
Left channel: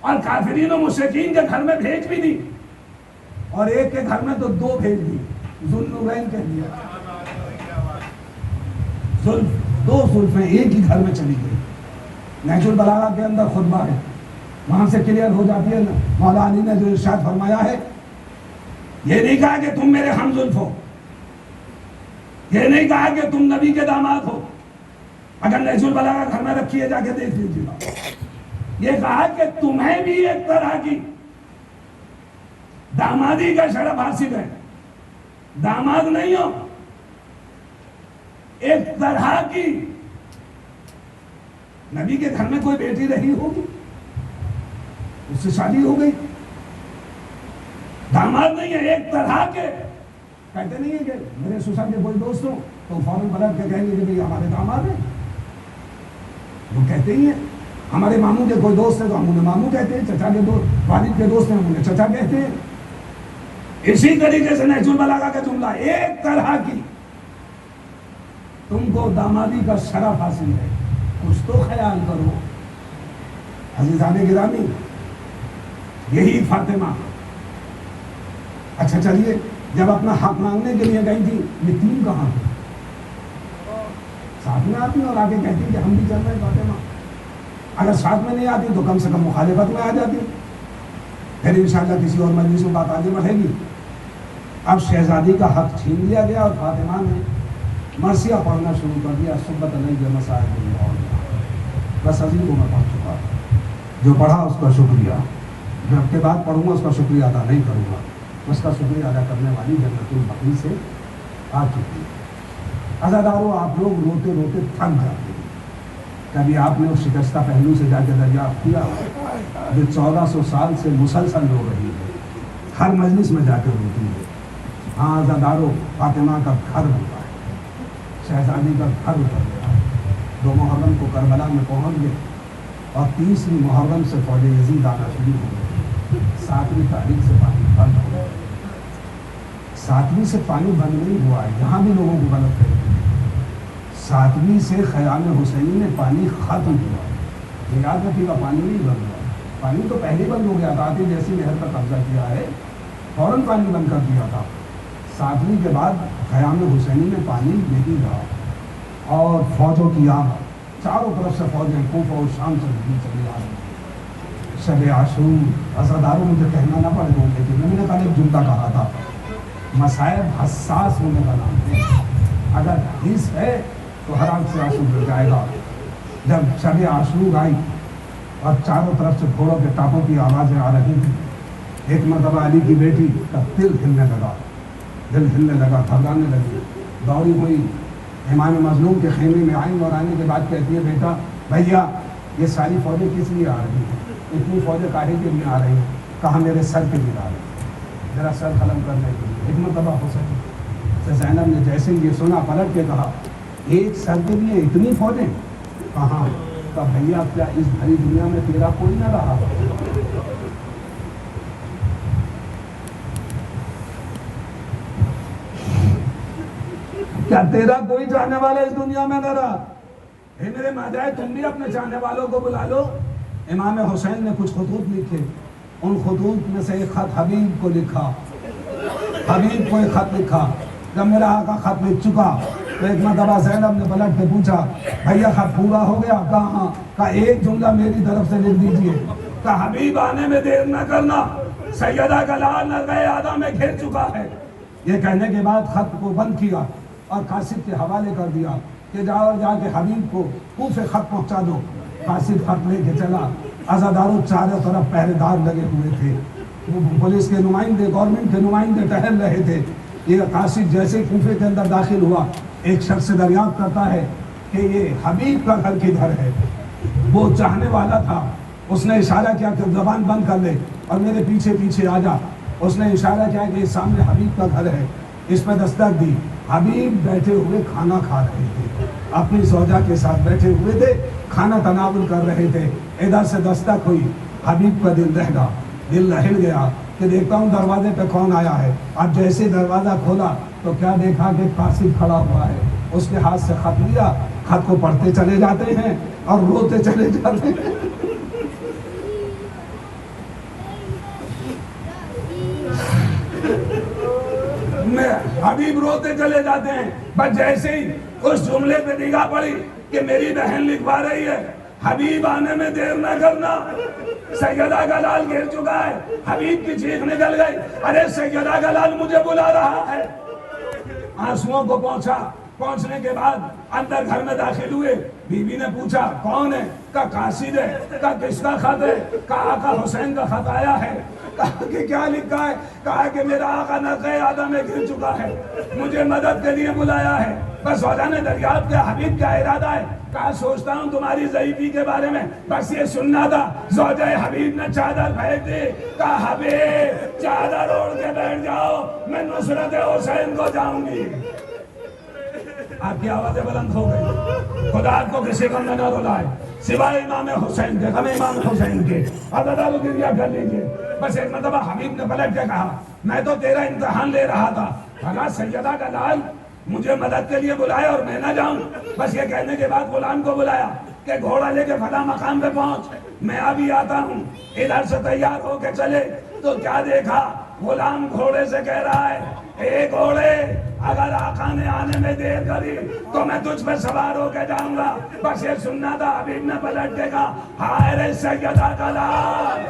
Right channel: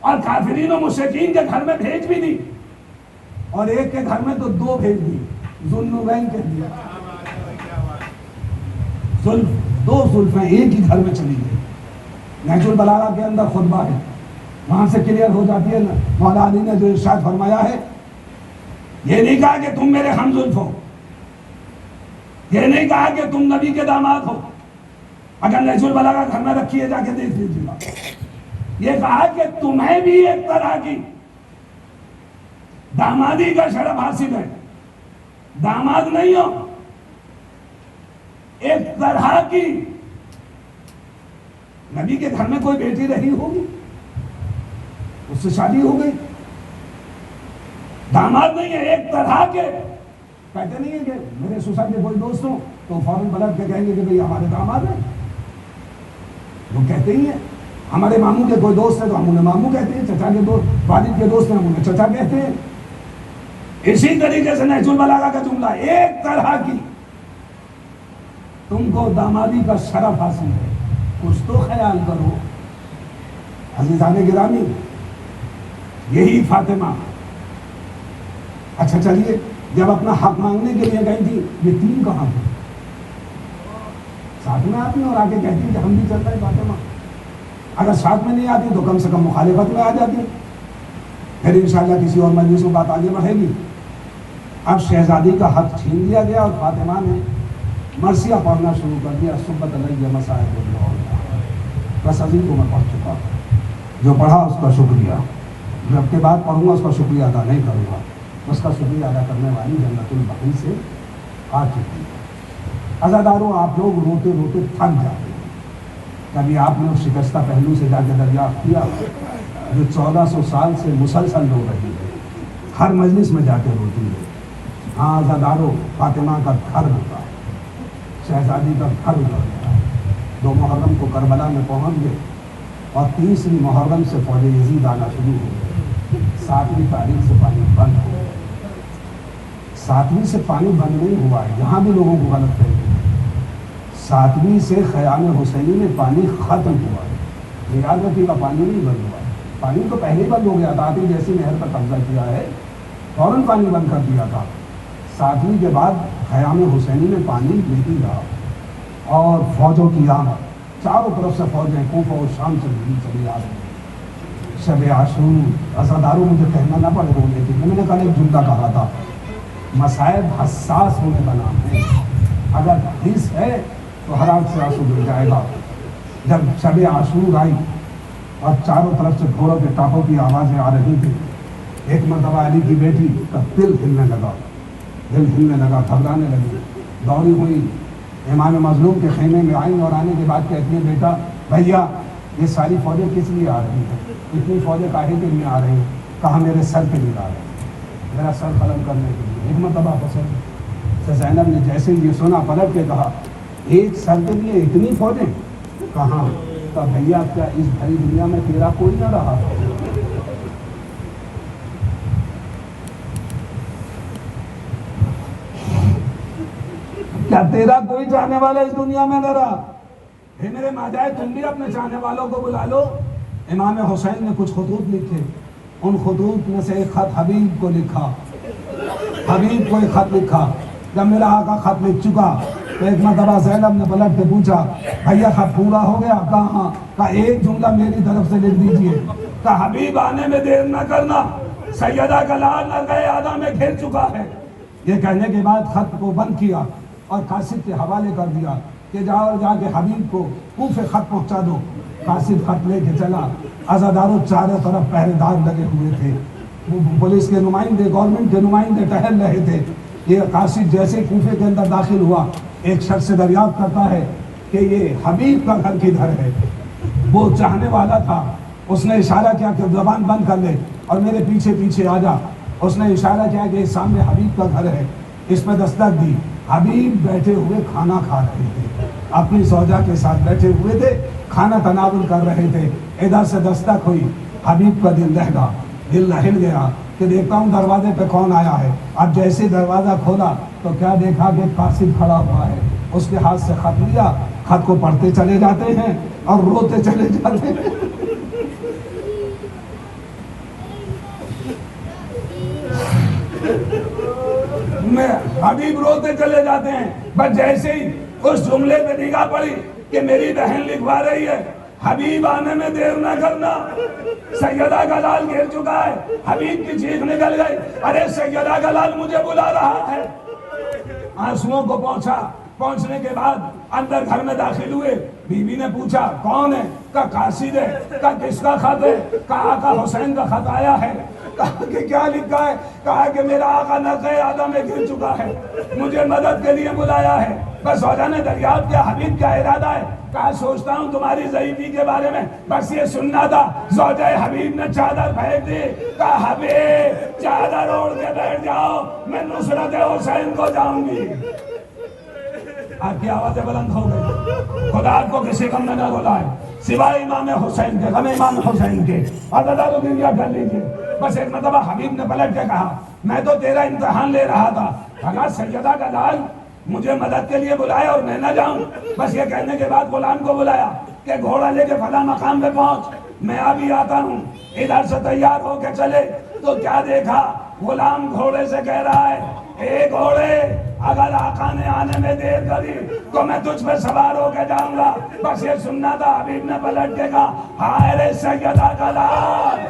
اور کافرین و مشرکین کے گھر میں بھیج بھی دی، اور ایک کے گھر میں تو 2 بھیج دی، ذوالنورین کہہ دیا۔ 2 زلفیں ایک ہی گھر میں چلی گئی۔ نہج البلاغہ کے اندر خطبہ ہے، وہاں سے کلیئر ہو جاتی ہے نا، مولا علی نے جو ارشاد فرمایا ہے، یہ نہیں کہا کہ تم میرے ہم زلف ہو، یہ نہیں کہا کہ تم نبی کے داماد ہو۔ اگر نہج البلاغہ گھر میں رکھی ہے، جا کے دیکھ لیجیے گا۔ یہ کہا کہ تمہیں بھی ایک طرح کی دامادی کا شرف حاصل ہے، داماد نہیں ہو، ایک طرح کی نبی کے گھر میں کوئی بیٹی رہی ہوگی، اس سے شادی ہو گئی، داماد نہیں ہے، ایک طرح کے۔ کہتے نہیں ہے کہ میرے سسر کے کوئی دوست ہوں تو فوراً پلٹ کے کہیں گے کہ بھئی ہمارے داماد ہیں، وہ کہتے ہی ہیں۔ ہمارے ماموں کے کوئی دوست ہے تو ہم انہیں ماموں کہتے ہیں، چچا کے دوست، والد کے دوست ہیں ہم انہیں چچا کہتے ہیں۔ اسی طریقے سے نہج البلاغہ کا جملہ، ایک طرح کی تم کو دامادی کا شرف حاصل ہے، کچھ تو خیال کرو۔ عزیزان گرامی، یہی فاطمہ، اچھا چلیے، جب اپنا حق مانگنے کے لیے گئی تھی، یہ 3 کہاں تھے؟ ساتھ میں آتی اور آگے کہتی کہ ہم بھی چل رہے ہیں فاطمہ۔ اگر ساتھ میں نہیں آتی تو کم سے کم مخالفت میں آ جاتی۔ پھر انشاءاللہ کسی اور مجلس میں بات آگے بڑھے گی۔ اب شہزادی کا حق چھین لیا گیا اور فاطمہ نے مرثیہ پڑھنا شروع کر دیا، صبح علیہ مصائب اللہ، بس ابھی تو میں پڑھ چکا، جو پڑھا اس کا شکریہ، جب کے بعد پڑھوں گا اس کا شکریہ ادا نہیں کروں گا، اس کا شکریہ ادا کرنے والی جنت البقیع سے آ چکی ہے۔ عزاداروں، آپ لوگ روتے روتے تھک جاتے ہیں، کبھی آپ نے اس شکستہ پہلو سے جا کے دریافت کیا جو 1400 سال سے مسلسل رو رہی ہے، ہر مجلس میں جا کے روتی ہے؟ ہاں عزاداروں، فاطمہ کا گھر ہوتا ہے، شہزادی کا گھر ہوتا ہے۔ 2 محرم کو کربلا میں پہنچ گئے اور 3 محرم سے فوج یزید آنا شروع ہو گئے، 7ویں تاریخ سے پانی بند ہو گیا۔ 7ویں سے پانی بند نہیں ہوا، یہاں بھی لوگوں کو غلط فہمی ہے۔ 7ویں سے خیام حسینی نے پانی ختم کیا، ریاض رفیع کا پانی نہیں بند ہوا، پانی تو پہلے ہی بند ہو گیا تھا، جیسی نہر پر قبضہ کیا ہے فوراً پانی بند کر دیا تھا۔ 7ویں کے بعد خیام حسینی میں پانی نہیں رہا اور فوجوں کی آمد، چاروں طرف سے فوجیں کوفہ اور شام سے چلی آ رہی ہیں۔ شب عاشور، عزاداروں مجھے کہنا نہ پڑے بولنے کے، میں نے کل ایک جملہ کہا تھا، مصائب حساس ہونے کا نام ہے، اگر حس ہے تو ہر آنکھ سے آنسو گر جائے گا۔ جب شب عاشور آئی اور چاروں طرف سے گھوڑوں کے ٹاپوں کی آوازیں آ رہی تھی، ایک مرتبہ علی کی بیٹی کا دل ہلنے لگا، گھبرانے لگی، دوڑی ہوئی امام مظلوم کے خیمے میں آئیں اور آنے کے بعد کہتی ہے، بیٹا بھیا یہ ساری فوجیں کس لیے آ رہی ہیں؟ اتنی فوجیں کاہے کے لیے آ رہی ہیں؟ کہا میرے سر کے لیے آ رہی ہیں، میرا سر قلم کرنے کے لیے۔ ایک مرتبہ حسین سے زینب نے جیسے یہ سنا پلٹ کے کہا، ایک سر کے لیے اتنی فوجیں؟ کہاں؟ تو بھیا کیا اس بھری دنیا میں تیرا کوئی نہ رہا؟ کیا تیرا کوئی چاہنے والا اس دنیا میں نہ رہا؟ اے میرے ماجائے، تم بھی اپنے چاہنے والوں کو بلا لو۔ امام حسین نے کچھ خطوط لکھے، ان خطوط میں سے ایک خط حبیب کو لکھا، حبیب کو ایک خط لکھا۔ جب میرا آقا خط لکھ چکا تو ایک مرتبہ زینب نے پلٹ کے پوچھا، بھیا خط پورا ہو گیا؟ کہاں؟ کہا ایک جملہ میری طرف سے لکھ دیجئے، کہا حبیب آنے میں دیر نہ کرنا، سیدہ کا لال نرگہ آدھا میں گھر چکا ہے۔ یہ کہنے کے بعد خط کو بند کیا اور قاصد کے حوالے کر دیا کہ جا کے حبیب کو کوفے خط پہنچا دو۔ قاصد خط لے کے چلا، عزاداروں چاروں طرف پہرے دار لگے ہوئے تھے، پولیس کے نمائندے، گورنمنٹ کے نمائندے ٹہل رہے تھے۔ یہ قاصد جیسے کوفے کے اندر داخل ہوا، ایک شخص سے دریافت کرتا ہے کہ یہ حبیب کا گھر کدھر ہے؟ وہ چاہنے والا تھا، اس نے اشارہ کیا کہ زبان بند کر لے اور میرے پیچھے پیچھے آ جا۔ اس نے اشارہ کیا کہ سامنے حبیب کا گھر ہے، اس میں دستک دی۔ حبیب بیٹھے ہوئے کھانا کھا رہے تھے، اپنی زوجہ کے ساتھ بیٹھے ہوئے تھے، کھانا تناول کر رہے تھے۔ ادھر سے دستک ہوئی، حبیب کا دل دہلا، دل ہل گیا کہ دیکھتا ہوں دروازے پہ کون آیا ہے۔ اب جیسے دروازہ کھولا تو کیا دیکھا کہ قاصد کھڑا ہوا ہے، اس کے ہاتھ سے خط لیا، خط کو پڑھتے چلے جاتے ہیں اور روتے چلے جاتے ہیں۔ حبیب روتے چلے جاتے ہیں، بس جیسے ہی اس جملے پہ نگاہ پڑی کہ میری بہن لکھوا رہی ہے، حبیب آنے میں دیر نہ کرنا، سیدہ کا لال گھر چکا ہے۔ حبیب کی چیخ نکل گئی، ارے سیدہ کا لال مجھے بلا رہا ہے۔ آنسوؤں کو پہنچنے کے بعد اندر گھر میں داخل ہوئے۔ بیوی نے پوچھا کون ہے؟ کہا قاصد ہے۔ کہا کس کا خط ہے؟ کہا آقا حسین کا خط آیا ہے۔ کہا کہ کیا لکھا ہے؟ کہا کہ میرا آقا نرقہ آدھا میں گر چکا ہے، مجھے مدد کے لیے بلایا ہے۔ بس زوجہ نے دریافت کیا حبیب کیا ارادہ ہے؟ کہا سوچتا ہوں تمہاری ضعیفی کے بارے میں، بس یہ سننا تھا۔ زوجہ حبیب نے چادر پھینک دی، کہا حبیب چادر اوڑھ کے بیٹھ جاؤ، میں نصرت حسین کو جاؤں گی۔ آپ کی آوازیں بلند ہو گئی، خدا کو کسی کو نہ رلائے سوائے امام حسین کے، غم امام حسین کے۔ اور عدالت دنیا کر لیجئے۔ بس ایک مرتبہ حبیب نے پلٹ کے کہا میں تو تیرا امتحان لے رہا تھا، کہا سیدہ کا لال مجھے مدد کے لیے بلایا اور میں نہ جاؤں۔ بس یہ کہنے کے بعد غلام کو بلایا کہ گھوڑا لے کے فلاں مقام پہ پہنچ، میں ابھی آتا ہوں۔ ادھر سے تیار ہو کے چلے تو کیا دیکھا، غلام گھوڑے سے کہہ رہا ہے اے گھوڑے اگر آقا نے آنے میں دیر کری تو میں تجھ پہ سوار ہو کے جاؤں گا۔ بس یہ سننا تھا۔ حبیب نے پلٹ کے کہا ہائے رے سیدہ کا لال،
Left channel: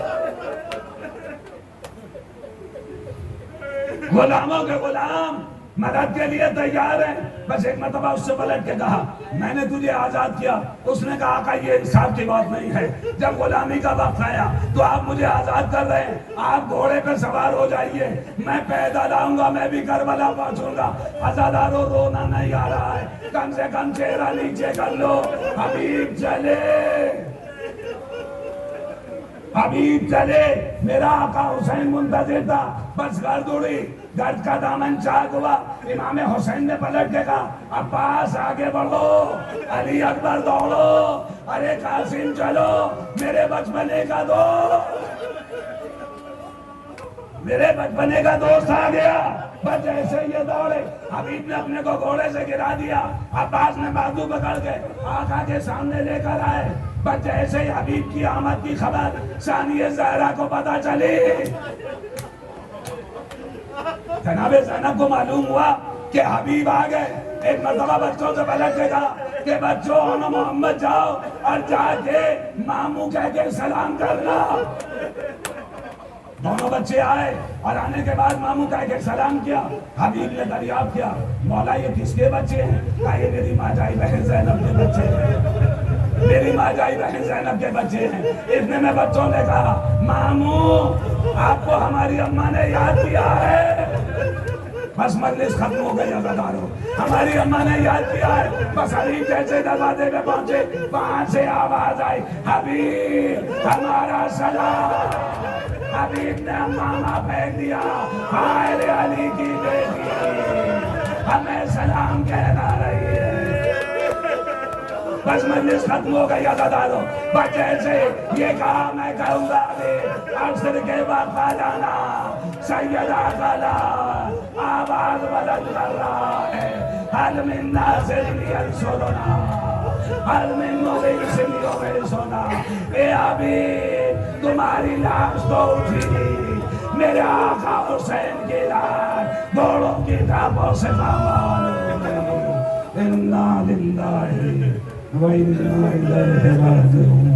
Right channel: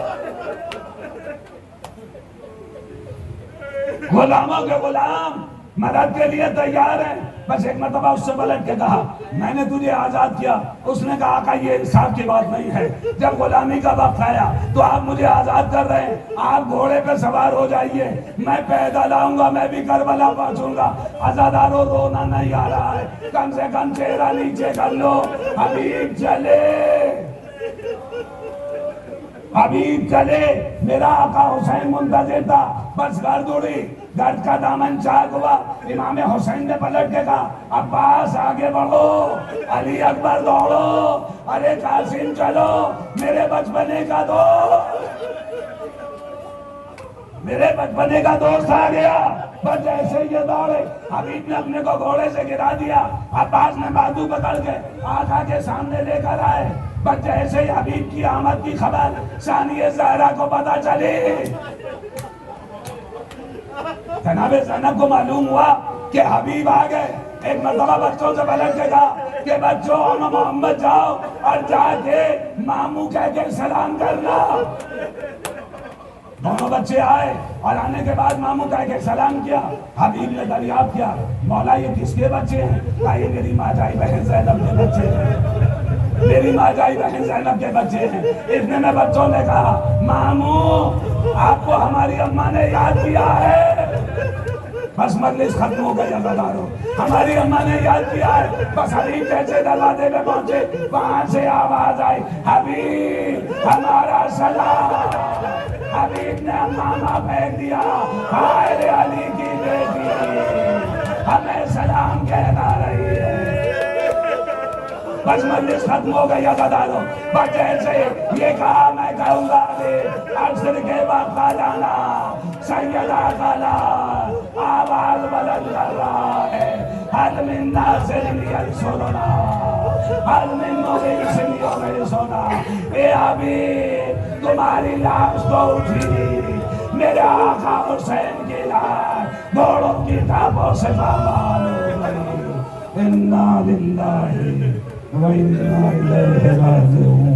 غلاموں کے غلام مدد کے لیے تیار ہیں. بس ایک مرتبہ اس سے پلٹ کے کہا میں نے تجھے آزاد کیا. اس نے کہا آقا یہ انصاف کی بات نہیں ہے. جب غلامی کا وقت آیا تو آپ مجھے آزاد کر رہے ہیں. آپ گھوڑے پہ سوار ہو جائیے, میں پیدل آؤں گا, میں بھی کربلا پہنچوں گا. عزادارو رونا نہیں آ رہا ہے, کم سے کم چہرہ نیچے کر لو. حبیب چلے, حبیب چلے. میرا آقا حسین منتظر تھا. بس گرد اڑی, گرد کا دامن چاک ہوا. امام حسین نے پلٹ کے کہا عباس آگے بڑھو, علی اکبر دوڑو, ارے قاسم چلو, میرے بچپنے کا دوست, میرے بچپنے کا دوست آ گیا. بس جیسے یہ دوڑے, حبیب نے اپنے کو گھوڑے سے گرا دیا. عباس نے بازو پکڑ کے آقا کے سامنے لے کر آئے. بس جیسے ہی حبیب کی آمد کی خبر ثانیہ زہرا کو پتہ چلی, جناب زینب کو معلوم ہوا کہ حبیب آ گئے. ایک مرتبہ بچوں سے پلٹ کے کہا کہ بچوں ہم محمد جاؤ اور جا کے ماموں کہہ کے سلام کرنا. دونوں بچے آئے اور آنے کے بعد ماموں کہہ کے سلام کیا. حبیب نے دریافت کیا مولا یہ کس کے بچے ہیں؟ کہا یہ میری ماں جائی بہن زینب کے بچے ہیں, میری ماں جائی بہن زینب کے بچے ہیں. اتنے میں بچوں نے کہا ماموں آپ کو ہماری اماں نے یاد کیا ہے. بس مجلس ختم ہو گئی. عزادارو ہماری اماں نے یاد کیا ہے. بس حبیب جیسے دروازے پہ پہنچے وہاں سے آواز آئی حبیب ہمارا سلام. حبیب نے امامہ پھینک دیا, حائر علی کی بیٹی ہمیں سلام کہنا رہی ہے. بس مجلس ختم ہو گئی. عزادارو بس جیسے یہ کہا میں کہوں گا عصر کے بعد کھا جانا سیدہ کالا آواز بلند کر رہا ہے حل من ناصر ینصرنا حل من مغیث یغیثنا. اے حبیب تمہاری لاش تو اٹھی, میرے آقا حسین کی لاش گھوڑوں کی ٹاپوں سے پامال ہو گئی. انا للہ و انا الیہ راجعون.